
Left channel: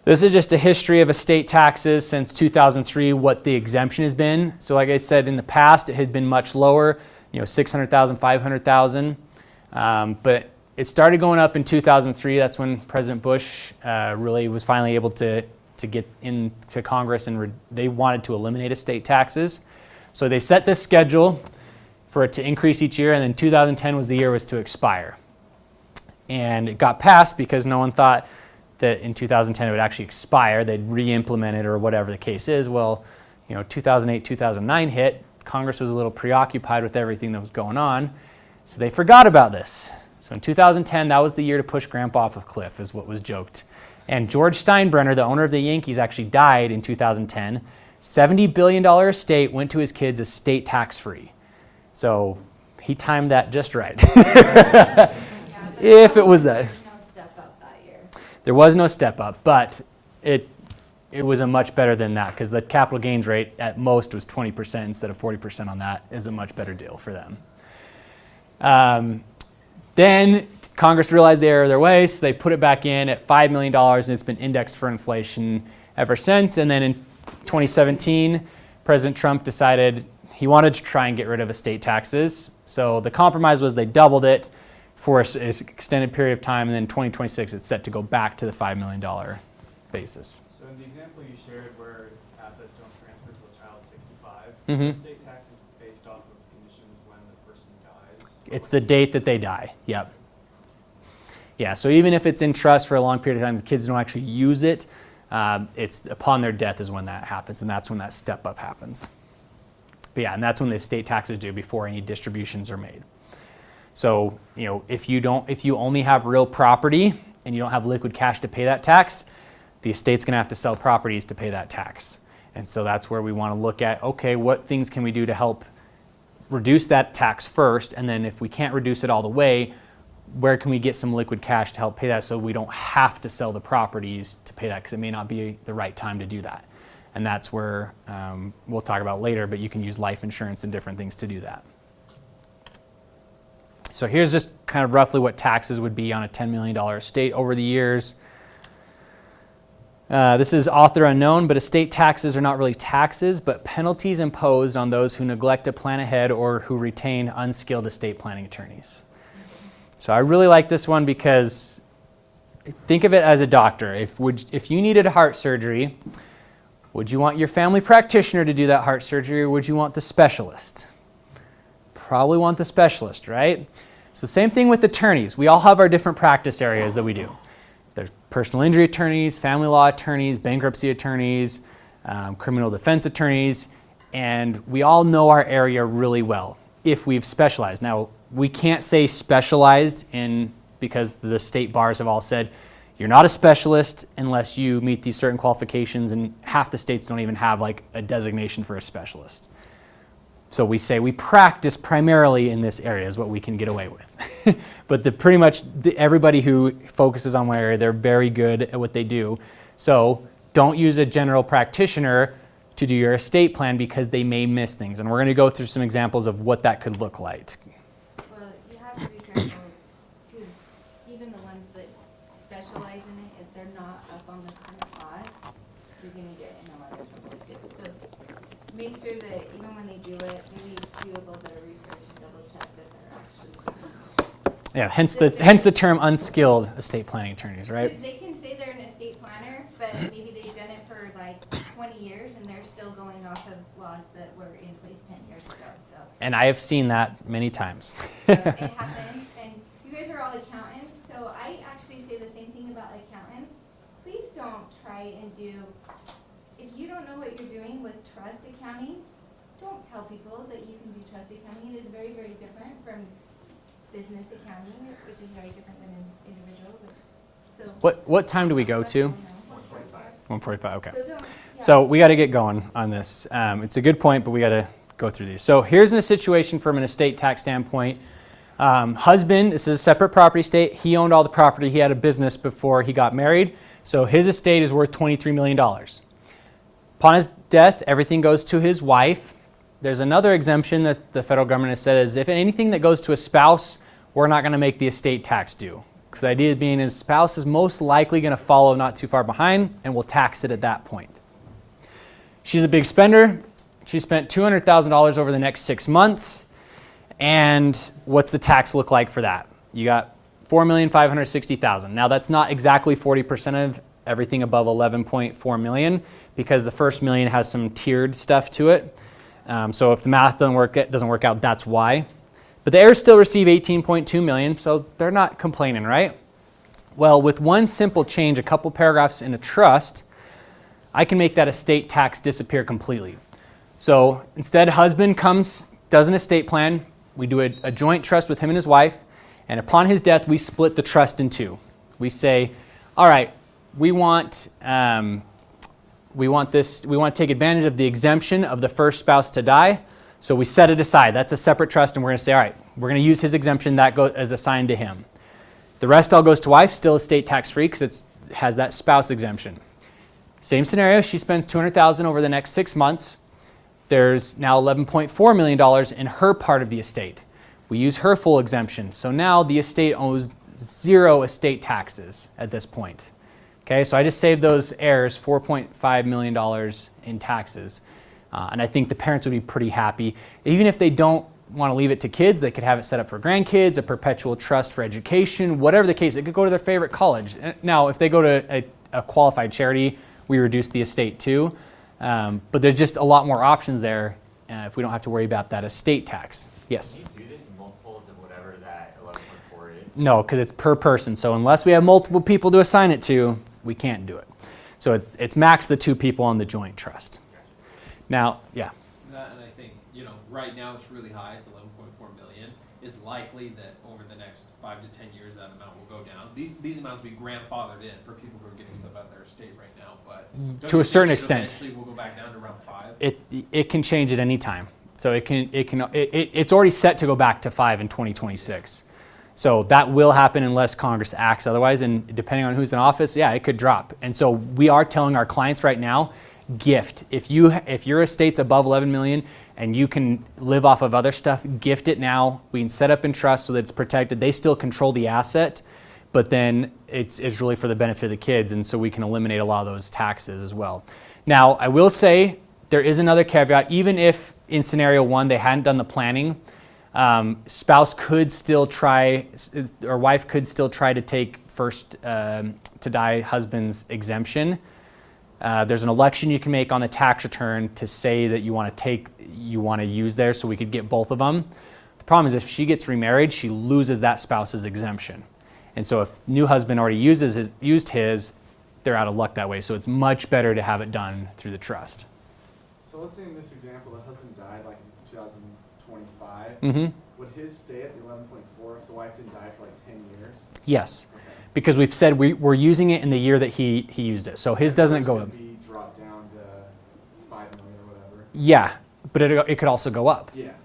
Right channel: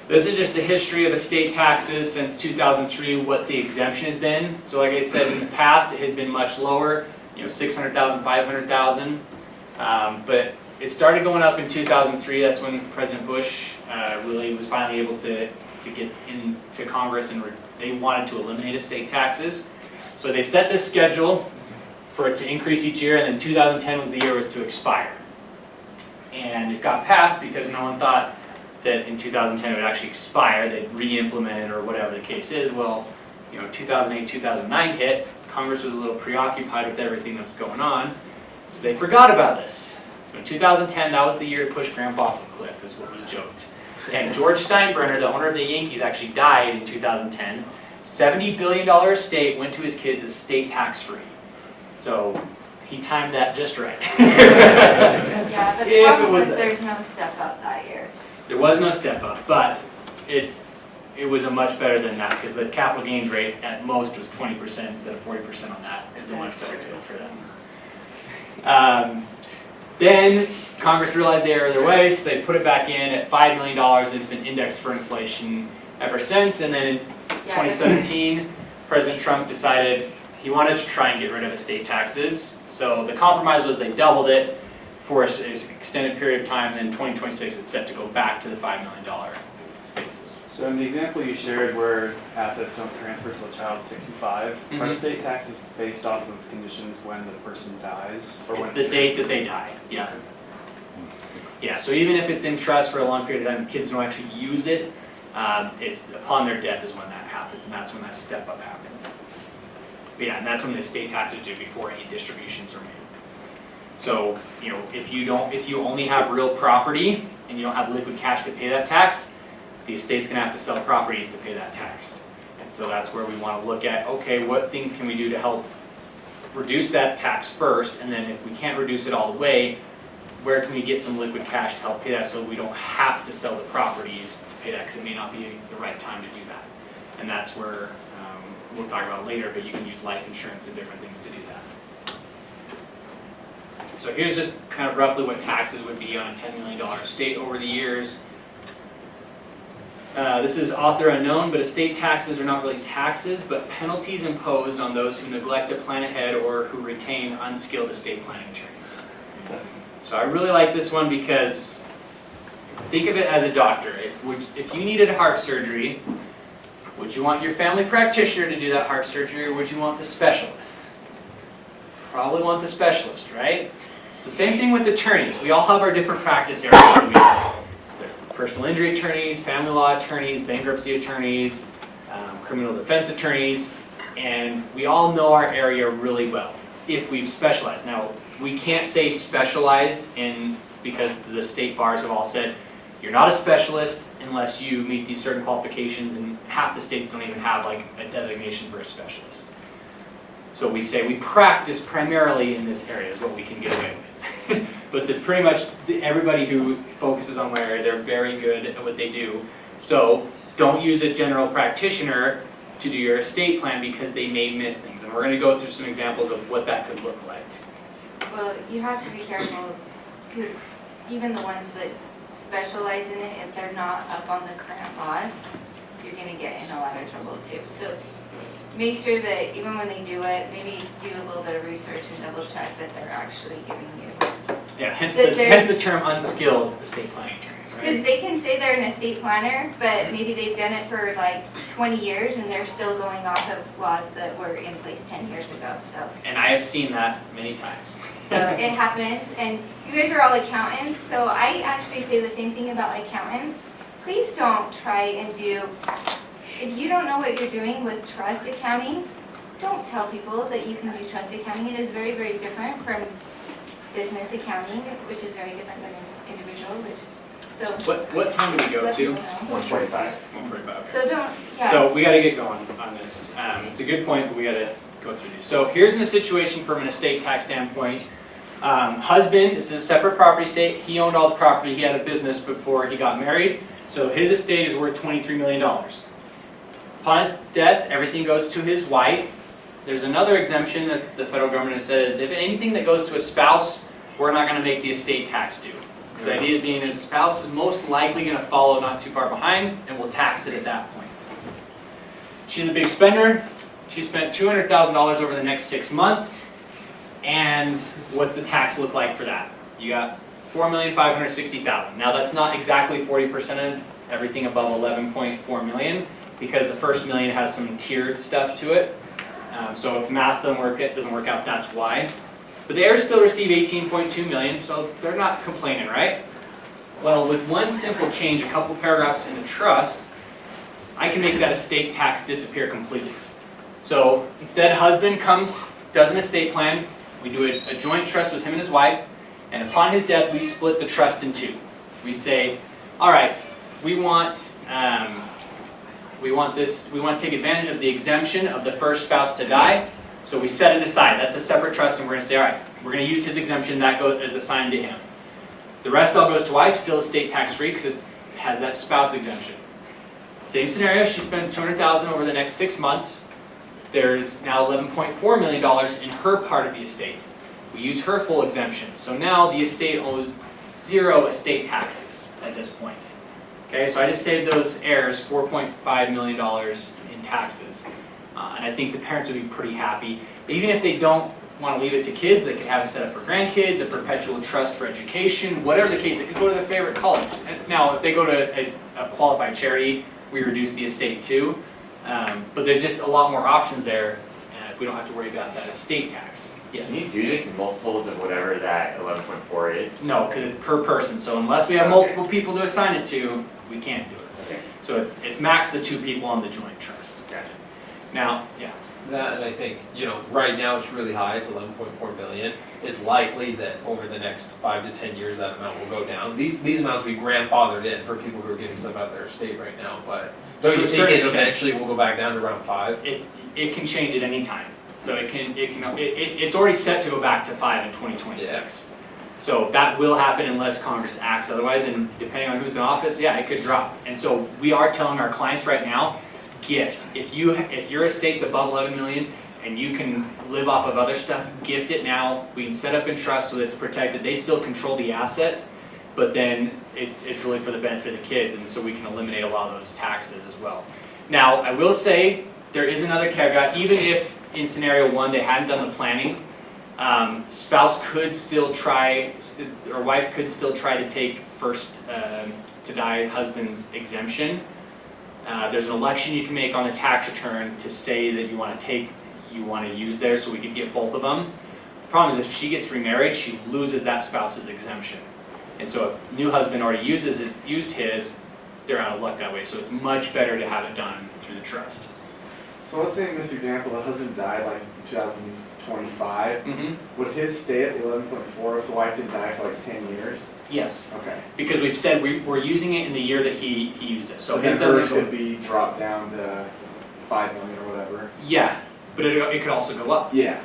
This is just a history of estate taxes since 2003, what the exemption has been. So like I said, in the past, it had been much lower, $600,000, $500,000. But it started going up in 2003. That's when President Bush really was finally able to get into Congress, and they wanted to eliminate estate taxes. So they set this schedule for it to increase each year, and then 2010 was the year it was to expire. And it got passed because no one thought that in 2010 it would actually expire. They'd re-implement it or whatever the case is. Well, 2008, 2009 hit. Congress was a little preoccupied with everything that was going on, so they forgot about this. So in 2010, that was the year to push Grandpa off a cliff, is what was joked. And George Steinbrenner, the owner of the Yankees, actually died in 2010. $70 billion estate went to his kids estate tax-free. So he timed that just right. Yeah, but If it was that. there's no step up that year. There was no step up, but it was a much better than that, because the capital gains rate at most was 20% instead of 40% on that. Is a much better deal for them. Then Congress realized they erred their way, so they put it back in at $5 million, and it's been indexed for inflation ever since. And then in 2017, President Trump decided he wanted to try and get rid of estate taxes. So the compromise was they doubled it for an extended period of time, and then in 2026 it's set to go back to the $5 million basis. So in the example you shared where assets don't transfer till a child's 65, are estate taxes based off of conditions when the person dies? Or It's when the date that they die, yeah. Yeah, so even if it's in trust for a long period of time, the kids don't actually use it, it's upon their death is when that happens, and that's when that step up happens. But yeah, and that's when the estate taxes due before any distributions are made. So, if you only have real property and you don't have liquid cash to pay that tax, the estate's gonna have to sell properties to pay that tax. And so that's where we wanna look at, okay, what things can we do to help reduce that tax first, and then if we can't reduce it all the way, where can we get some liquid cash to help pay that so we don't have to sell the properties to pay that, because it may not be the right time to do that. And that's where, we'll talk about later, but you can use life insurance and different things to do that. So here's just kind of roughly what taxes would be on a $10 million estate over the years. This is author unknown, but estate taxes are not really taxes, but penalties imposed on those who neglect to plan ahead or who retain unskilled estate planning attorneys. So I really like this one because think of it as a doctor. If you needed heart surgery, would you want your family practitioner to do that heart surgery, or would you want the specialist? Probably want the specialist, right? So same thing with attorneys. We all have our different practice areas that we do. There's personal injury attorneys, family law attorneys, bankruptcy attorneys, criminal defense attorneys, and we all know our area really well if we've specialized. Now, we can't say specialized because the state bars have all said you're not a specialist unless you meet these certain qualifications, and half the states don't even have like a designation for a specialist. So we say we practice primarily in this area is what we can get away with. But pretty much everybody who focuses on one area, they're very good at what they do. So don't use a general practitioner to do your estate plan because they may miss things. And we're going to go through some examples of what that could look like. Well, you have to be careful, because even the ones that specialize in it, if they're not up on the current laws, you're going to get in a lot of trouble too. So make sure that even when they do it, maybe do a little bit of research and double check that they're actually giving you. Yeah, hence the term unskilled estate planning attorneys, right? Because they can say they're an estate planner, but maybe they've done it for like 20 years and they're still going off of laws that were in place 10 years ago. So. And I have seen that many times. So it happens, and you guys are all accountants, so I actually say the same thing about accountants. Please don't try and do, if you don't know what you're doing with trust accounting, don't tell people that you can do trust accounting. It is very, very different from business accounting, which is very different than an individual. What time do we go to? 145. 1:45. Okay. So don't. Yeah. So we got to get going on this. It's a good point, but we got to go through these. So here's a situation from an estate tax standpoint. Husband, this is a separate property estate. He owned all the property. He had a business before he got married. So his estate is worth $23 million. Upon his death, everything goes to his wife. There's another exemption that the federal government has said is if anything that goes to a spouse, we're not going to make the estate tax due. Because the idea being his spouse is most likely going to follow not too far behind, and we'll tax it at that point. She's a big spender. She spent $200,000 over the next 6 months. And what's the tax look like for that? You got $4,560,000. Now that's not exactly 40% of everything above $11.4 million because the first million has some tiered stuff to it. So if the math doesn't work out, that's why. But the heirs still receive $18.2 million, so they're not complaining, right? Well, with one simple change, a couple paragraphs in the trust, I can make that estate tax disappear completely. So instead, husband does an estate plan. We do a joint trust with him and his wife, and upon his death, we split the trust in two. We say, all right, we want to take advantage of the exemption of the first spouse to die. So we set it aside. That's a separate trust, and we're going to say, all right, we're going to use his exemption. That is assigned to him. The rest all goes to wife, still estate tax free because it has that spouse exemption. Same scenario. She spends $200,000 over the next 6 months. There's now $11.4 million in her part of the estate. We use her full exemption. So now the estate owes 0 estate taxes at this point. Okay, so I just saved those heirs $4.5 million in taxes. And I think the parents would be pretty happy. Even if they don't want to leave it to kids, they could have it set up for grandkids, a perpetual trust for education, whatever the case. It could go to their favorite college. Now, if they go to a qualified charity, we reduce the estate too. But there's just a lot more options there if we don't have to worry about that estate tax. Yes? Can you do this in multiples of whatever that 11.4 is? No, because it's per person. So unless we have multiple people to assign it to, we can't do it. Okay. So it's max the 2 people on the joint trust. Gotcha. Now, yeah. That, and I think, right now it's really high, it's 11.4 million. It's likely that over the next 5 to 10 years that amount will go down. These amounts will be grandfathered in for people who are getting stuff out of their estate right now, but To a certain extent. Eventually we'll go back down to around 5. It can change at any time. So it's already set to go back to 5 in 2026. So that will happen unless Congress acts otherwise, and depending on who's in office, yeah, it could drop. And so we are telling our clients right now, gift. If your estate's above 11 million and you can live off of other stuff, gift it now. We can set up in trust so that it's protected. They still control the asset. but then it's really for the benefit of the kids, and so we can eliminate a lot of those taxes as well. Now, I will say there is another caveat. Even if in scenario 1 they hadn't done the planning, spouse could still try, or wife could still try to take first to die husband's exemption. There's an election you can make on the tax return to say that you want to use there, so we could get both of them. The problem is if she gets remarried, she loses that spouse's exemption. And so if new husband already used his, they're out of luck that way. So it's much better to have it done through the trust. So let's say in this example, the husband died like in 2025. Mm-hmm. Would his stay at the 11.4 if the wife didn't die for like 10 years? Yes, Okay. because we've said we're using it in the year that he used it. So his doesn't go. Could be dropped down to 5 million or whatever. Yeah, but it could also go up. Yeah.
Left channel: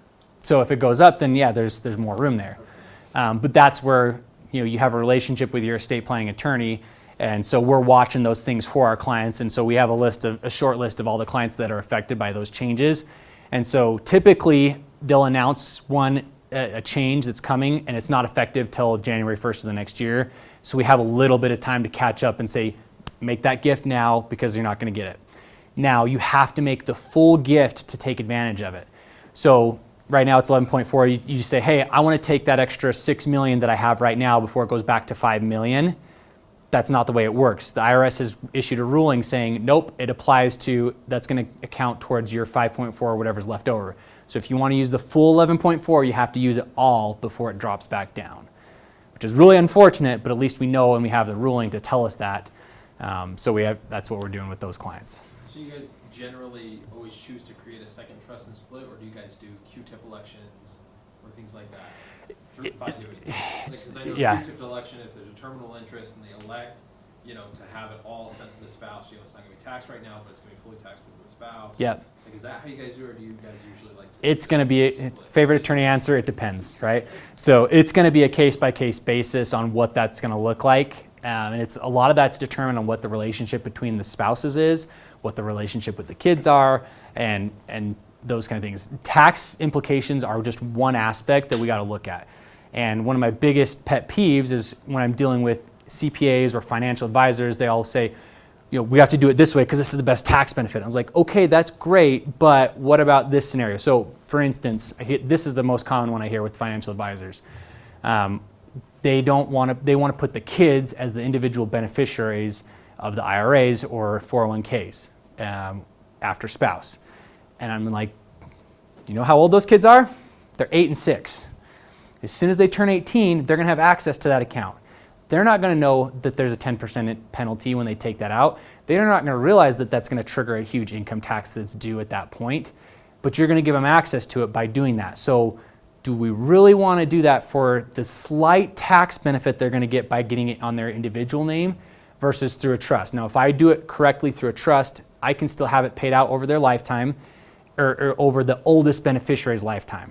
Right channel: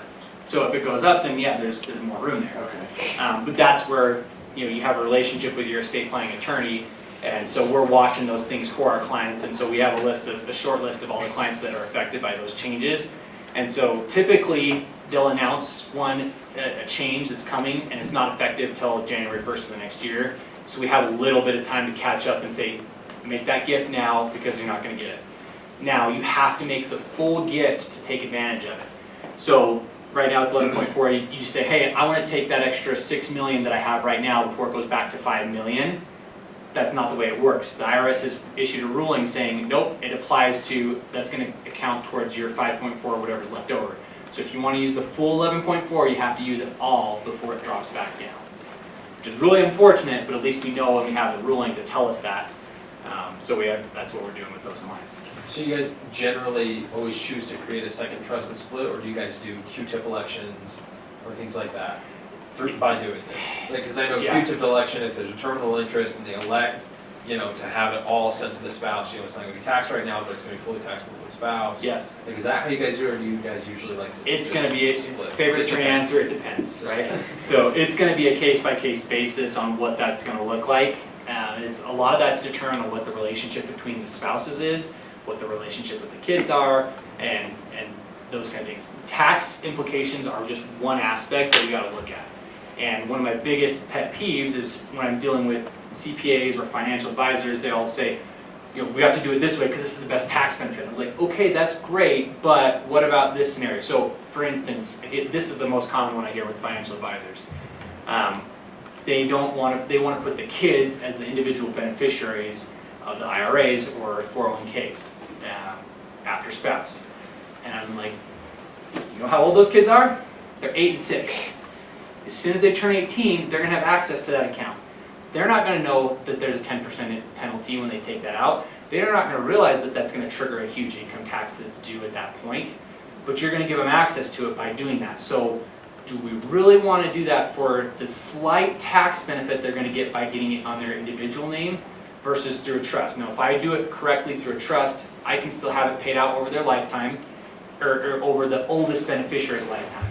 So if it goes up, then yeah, there's more room there. Okay. But that's where you have a relationship with your estate planning attorney, and so we're watching those things for our clients, and so we have a short list of all the clients that are affected by those changes. And so typically they'll announce a change that's coming, and it's not effective till January 1st of the next year. So we have a little bit of time to catch up and say, make that gift now because you're not going to get it. Now you have to make the full gift to take advantage of it. So right now it's 11.4. You say, hey, I want to take that extra $6 million that I have right now before it goes back to $5 million. That's not the way it works. The IRS has issued a ruling saying, nope, it applies to, that's going to account towards your 5.4 or whatever's left over. So if you want to use the full 11.4, you have to use it all before it drops back down, which is really unfortunate, but at least we know when we have the ruling to tell us that. That's what we're doing with those clients. So you guys generally always choose to create a second trust and split, or do you guys do Q-tip elections or things like that by doing it? Because I know Yeah. Q-tip election, if there's a terminal interest and they elect, to have it all sent to the spouse, it's not going to be taxed right now, but it's going to be fully taxable to the spouse. Yeah. Like, is that how you guys do it, or do you guys usually like to? It's going to be, split? favorite attorney answer, it depends, right? So it's going to be a case-by-case basis on what that's going to look like. A lot of that's determined on what the relationship between the spouses is, what the relationship with the kids are, and those kind of things. Tax implications are just one aspect that we got to look at. And one of my biggest pet peeves is when I'm dealing with CPAs or financial advisors, they all say, we have to do it this way because this is the best tax benefit. I was like, okay, that's great, but what about this scenario? So for instance, this is the most common one I hear with financial advisors. They want to put the kids as the individual beneficiaries of the IRAs or 401ks after spouse. And I'm like, you know how old those kids are? They're 8 and 6. As soon as they turn 18, they're going to have access to that account. They're not going to know that there's a 10% penalty when they take that out. They're not going to realize that that's going to trigger a huge income tax that's due at that point. But you're going to give them access to it by doing that. So do we really want to do that for the slight tax benefit they're going to get by getting it on their individual name versus through a trust? Now, if I do it correctly through a trust, I can still have it paid out over their lifetime or over the oldest beneficiary's lifetime.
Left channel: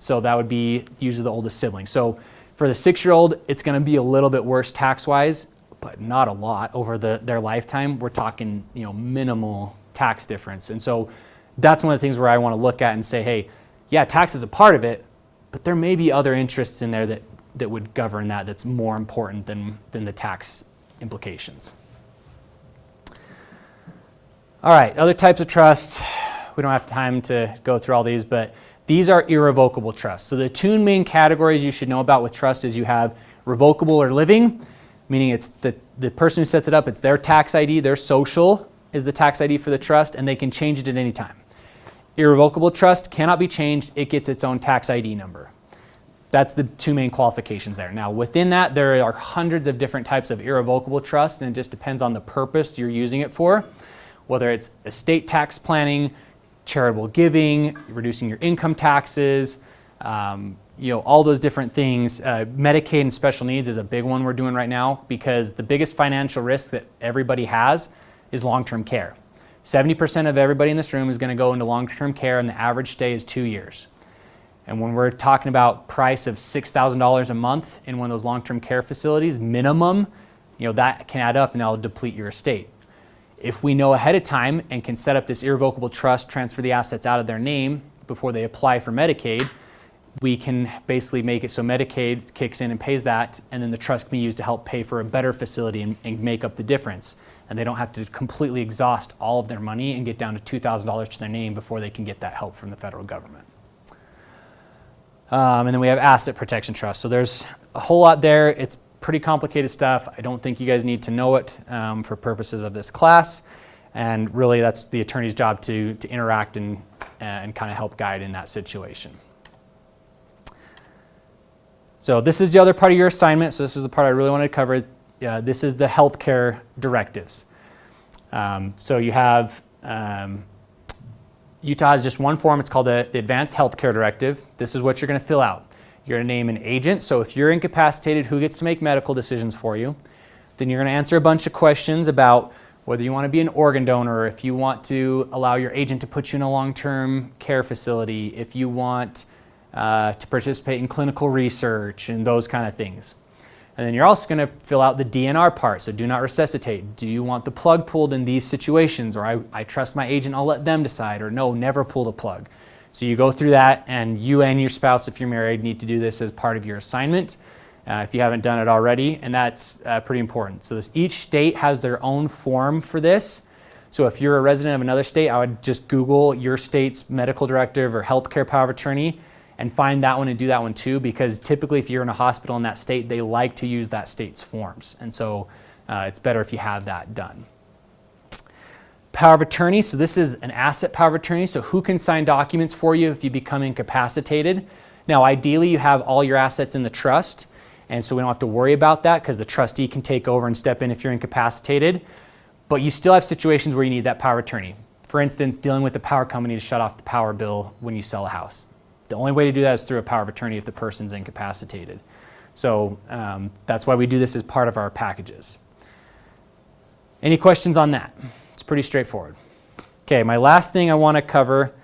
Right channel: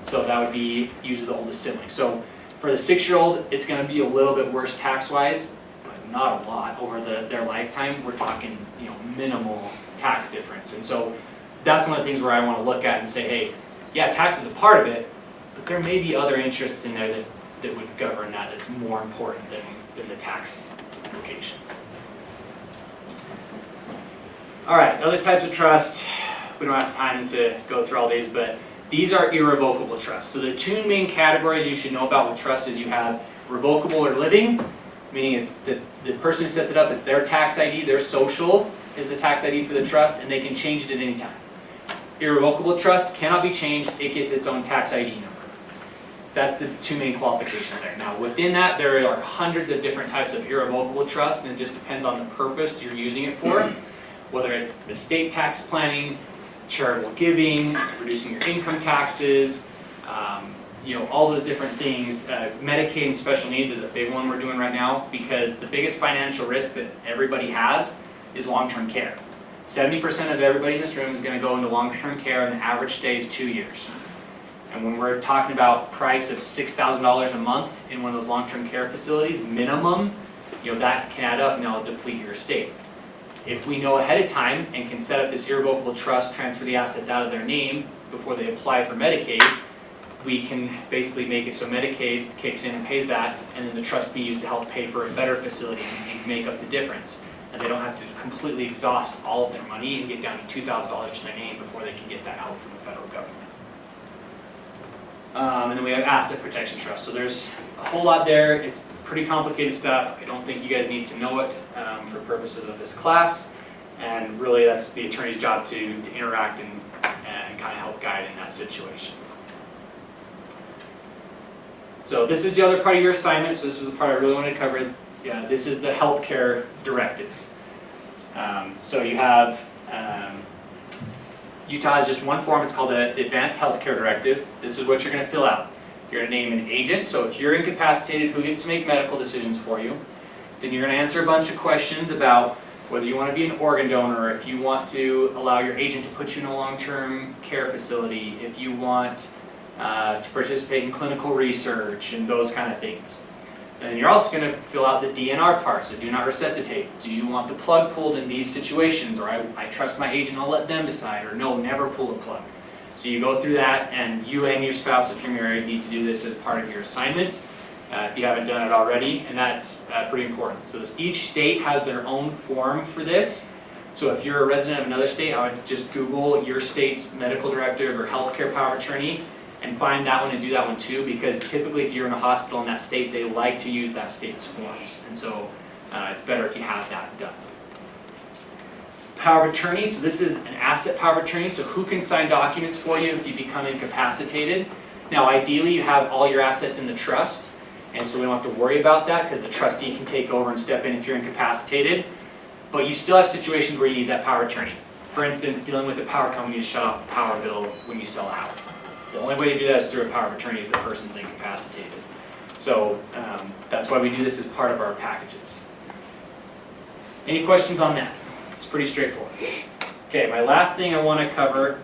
So that would be usually the oldest sibling. So for the 6-year-old, it's going to be a little bit worse tax-wise, but not a lot over their lifetime. We're talking, minimal tax difference. And so that's one of the things where I want to look at and say, hey, yeah, tax is a part of it, but there may be other interests in there that would govern that's more important than the tax implications. All right, other types of trusts. We don't have time to go through all these, but these are irrevocable trusts. So the two main categories you should know about with trust is you have revocable or living, meaning it's the person who sets it up, it's their tax ID, their social is the tax ID for the trust, and they can change it at any time. Irrevocable trust cannot be changed, it gets its own tax ID number. That's the two main qualifications there. Now within that, there are hundreds of different types of irrevocable trusts, and it just depends on the purpose you're using it for, whether it's estate tax planning, charitable giving, reducing your income taxes, all those different things. Medicaid and special needs is a big one we're doing right now because the biggest financial risk that everybody has is long-term care. 70% of everybody in this room is going to go into long-term care, and the average stay is 2 years. And when we're talking about price of $6,000 a month in one of those long-term care facilities, minimum, that can add up and that'll deplete your estate. If we know ahead of time and can set up this irrevocable trust, transfer the assets out of their name before they apply for Medicaid, we can basically make it so Medicaid kicks in and pays that, and then the trust can be used to help pay for a better facility and make up the difference. And they don't have to completely exhaust all of their money and get down to $2,000 to their name before they can get that help from the federal government. And then we have asset protection trust. So there's a whole lot there. It's pretty complicated stuff. I don't think you guys need to know it for purposes of this class. And really that's the attorney's job to interact and kind of help guide in that situation. So this is the other part of your assignment. So this is the part I really want to cover. This is the healthcare directives. So you have, Utah has just one form. It's called the Advanced Healthcare Directive. This is what you're going to fill out. You're going to name an agent. So if you're incapacitated, who gets to make medical decisions for you? Then you're going to answer a bunch of questions about whether you want to be an organ donor, or if you want to allow your agent to put you in a long-term care facility, if you want to participate in clinical research and those kind of things. And then you're also going to fill out the DNR part, so do not resuscitate. Do you want the plug pulled in these situations, or I trust my agent, I'll let them decide, or no, never pull the plug. So you go through that, and you and your spouse, if you're married, need to do this as part of your assignment if you haven't done it already, and that's pretty important. So each state has their own form for this. So if you're a resident of another state, I would just Google your state's medical directive or healthcare power of attorney, and find that one and do that one too, because typically if you're in a hospital in that state, they like to use that state's forms. And so it's better if you have that done. Power of attorney, so this is an asset power of attorney, so who can sign documents for you if you become incapacitated? Now ideally you have all your assets in the trust, and so we don't have to worry about that because the trustee can take over and step in if you're incapacitated, but you still have situations where you need that power of attorney. For instance, dealing with the power company to shut off the power bill when you sell a house. The only way to do that is through a power of attorney if the person's incapacitated. So that's why we do this as part of our packages. Any questions on that? It's pretty straightforward. Okay, my last thing I want to cover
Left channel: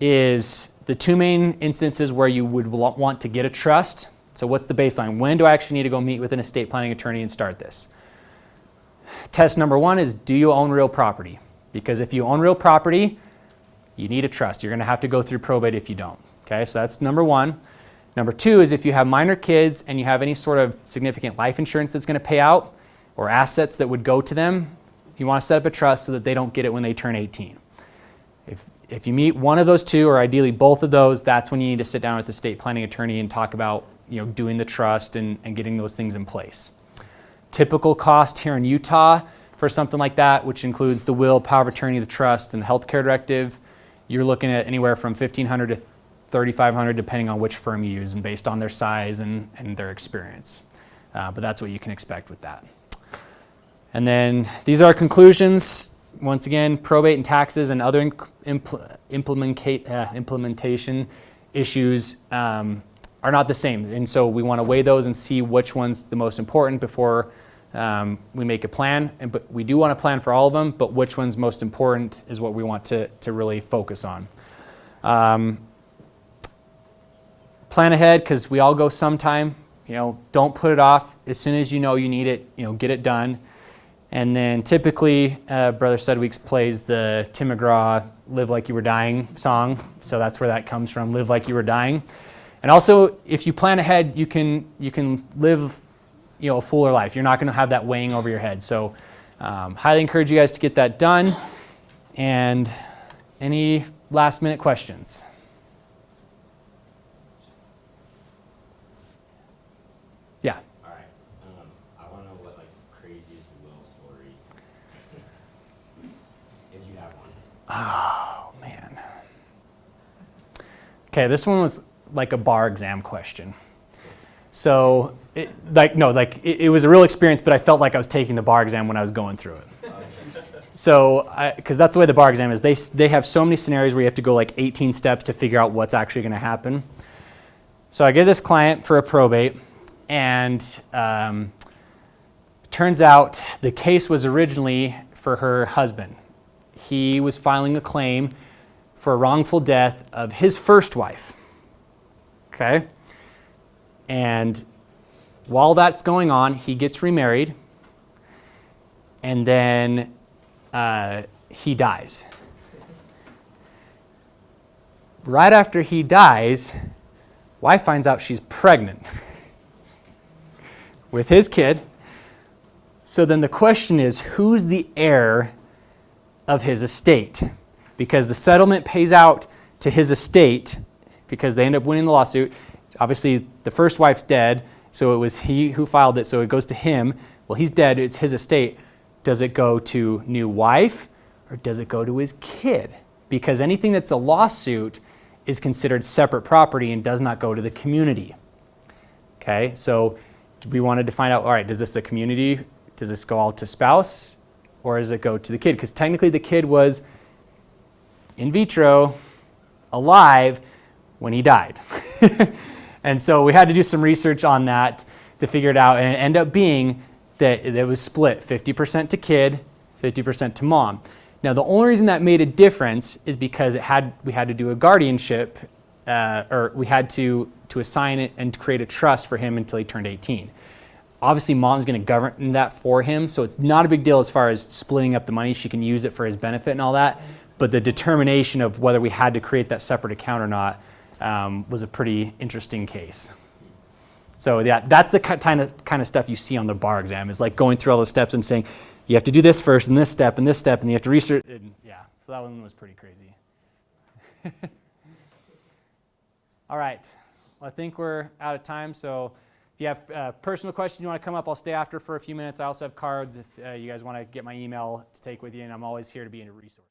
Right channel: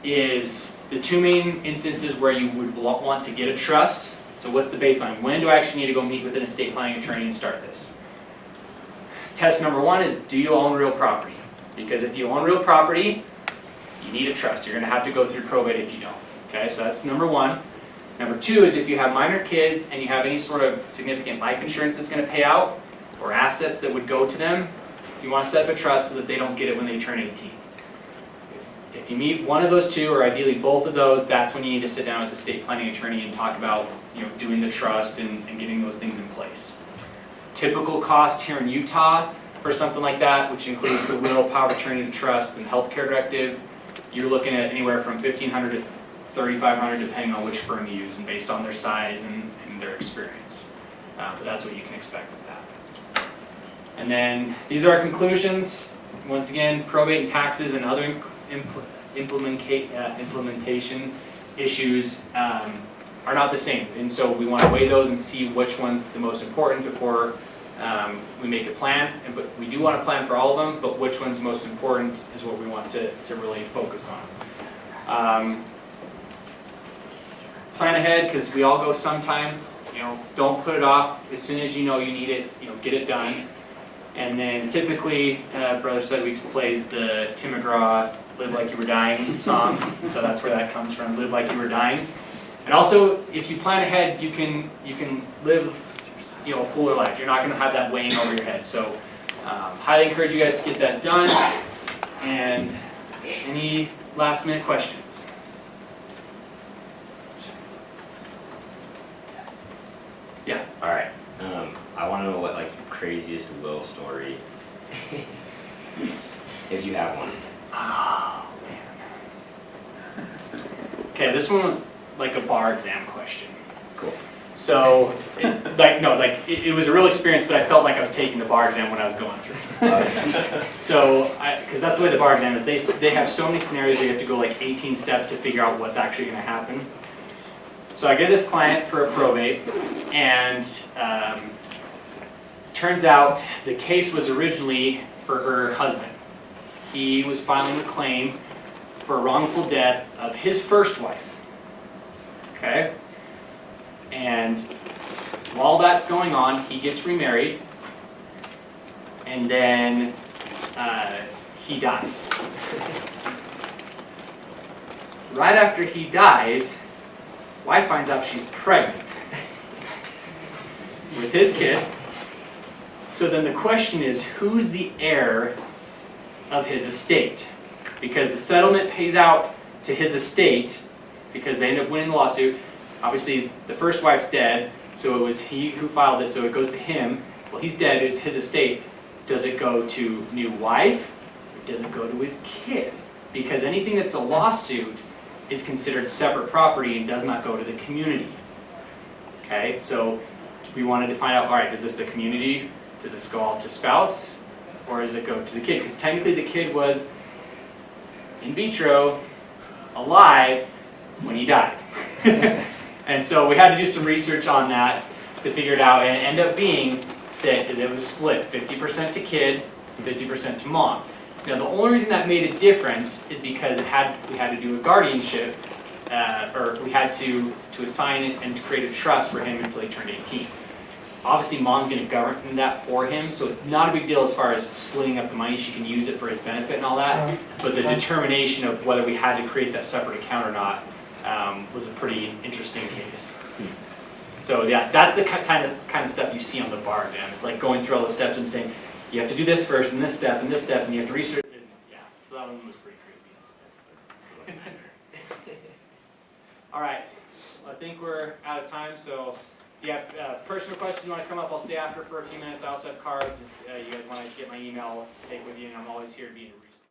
is the two main instances where you would want to get a trust. So what's the baseline? When do I actually need to go meet with an estate planning attorney and start this? Test number one is, do you own real property? Because if you own real property, you need a trust. You're going to have to go through probate if you don't. Okay, so that's number one. Number two is if you have minor kids and you have any sort of significant life insurance that's going to pay out or assets that would go to them, you want to set up a trust so that they don't get it when they turn 18. If you meet one of those two, or ideally both of those, that's when you need to sit down with the estate planning attorney and talk about doing the trust and getting those things in place. Typical cost here in Utah for something like that, which includes the will, power of attorney, the trust, and the healthcare directive, you're looking at anywhere from $1,500 to $3,500 depending on which firm you use and based on their size and their experience. But that's what you can expect with that. And then these are conclusions. Once again, probate and taxes and other implementation issues are not the same. And so we want to weigh those and see which one's the most important before we make a plan. But we do want to plan for all of them, but which one's most important is what we want to really focus on. Plan ahead, because we all go sometime. Don't put it off. As soon as you know you need it, get it done. And then typically, Brother Sudweeks plays the Tim McGraw "Live Like You Were Dying" song, so that's where that comes from. Live like you were dying. And also, if you plan ahead, you can live a fuller life. You're not going to have that weighing over your head. So, highly encourage you guys to get that done. And any last minute questions? Yeah. All right. I want to know what craziest will story, if you have one. Oh man. Okay, this one was like a bar exam question. Cool. So, it was a real experience, but I felt like I was taking the bar exam when I was going through it. So, because that's the way the bar exam is, they have so many scenarios where you have to go 18 steps to figure out what's actually going to happen. So I get this client for a probate, and turns out the case was originally for her husband. He was filing a claim for wrongful death of his first wife. Okay? And while that's going on, he gets remarried, and then he dies. right after he dies, wife finds out she's pregnant with his kid. So then the question is, who's the heir of his estate? Because the settlement pays out to his estate because they end up winning the lawsuit. Obviously, the first wife's dead, so it was he who filed it, so it goes to him. Well, he's dead, it's his estate. Does it go to new wife or does it go to his kid? Because anything that's a lawsuit is considered separate property and does not go to the community. Okay, so we wanted to find out, all right, is this a community? Does this go all to spouse or does it go to the kid? Because technically the kid was in vitro, alive, when he died. And so we had to do some research on that to figure it out, and it ended up being that it was split 50% to kid, 50% to mom. Now the only reason that made a difference is because we had to do a guardianship, or we had to assign it and create a trust for him until he turned 18. Obviously mom's going to govern that for him, so it's not a big deal as far as splitting up the money. She can use it for his benefit and all that, but the determination of whether we had to create that separate account or not was a pretty interesting case. So yeah, that's the kind of stuff you see on the bar exam. It's like going through all the steps and saying, you have to do this first, and this step, and then you have to research. And yeah, so that one was pretty crazy. All right, well, I think we're out of time, so if you have a personal question you want to come up, I'll stay after for a few minutes. I also have cards if you guys want to get my email to take with you, and I'm always here to be a resource.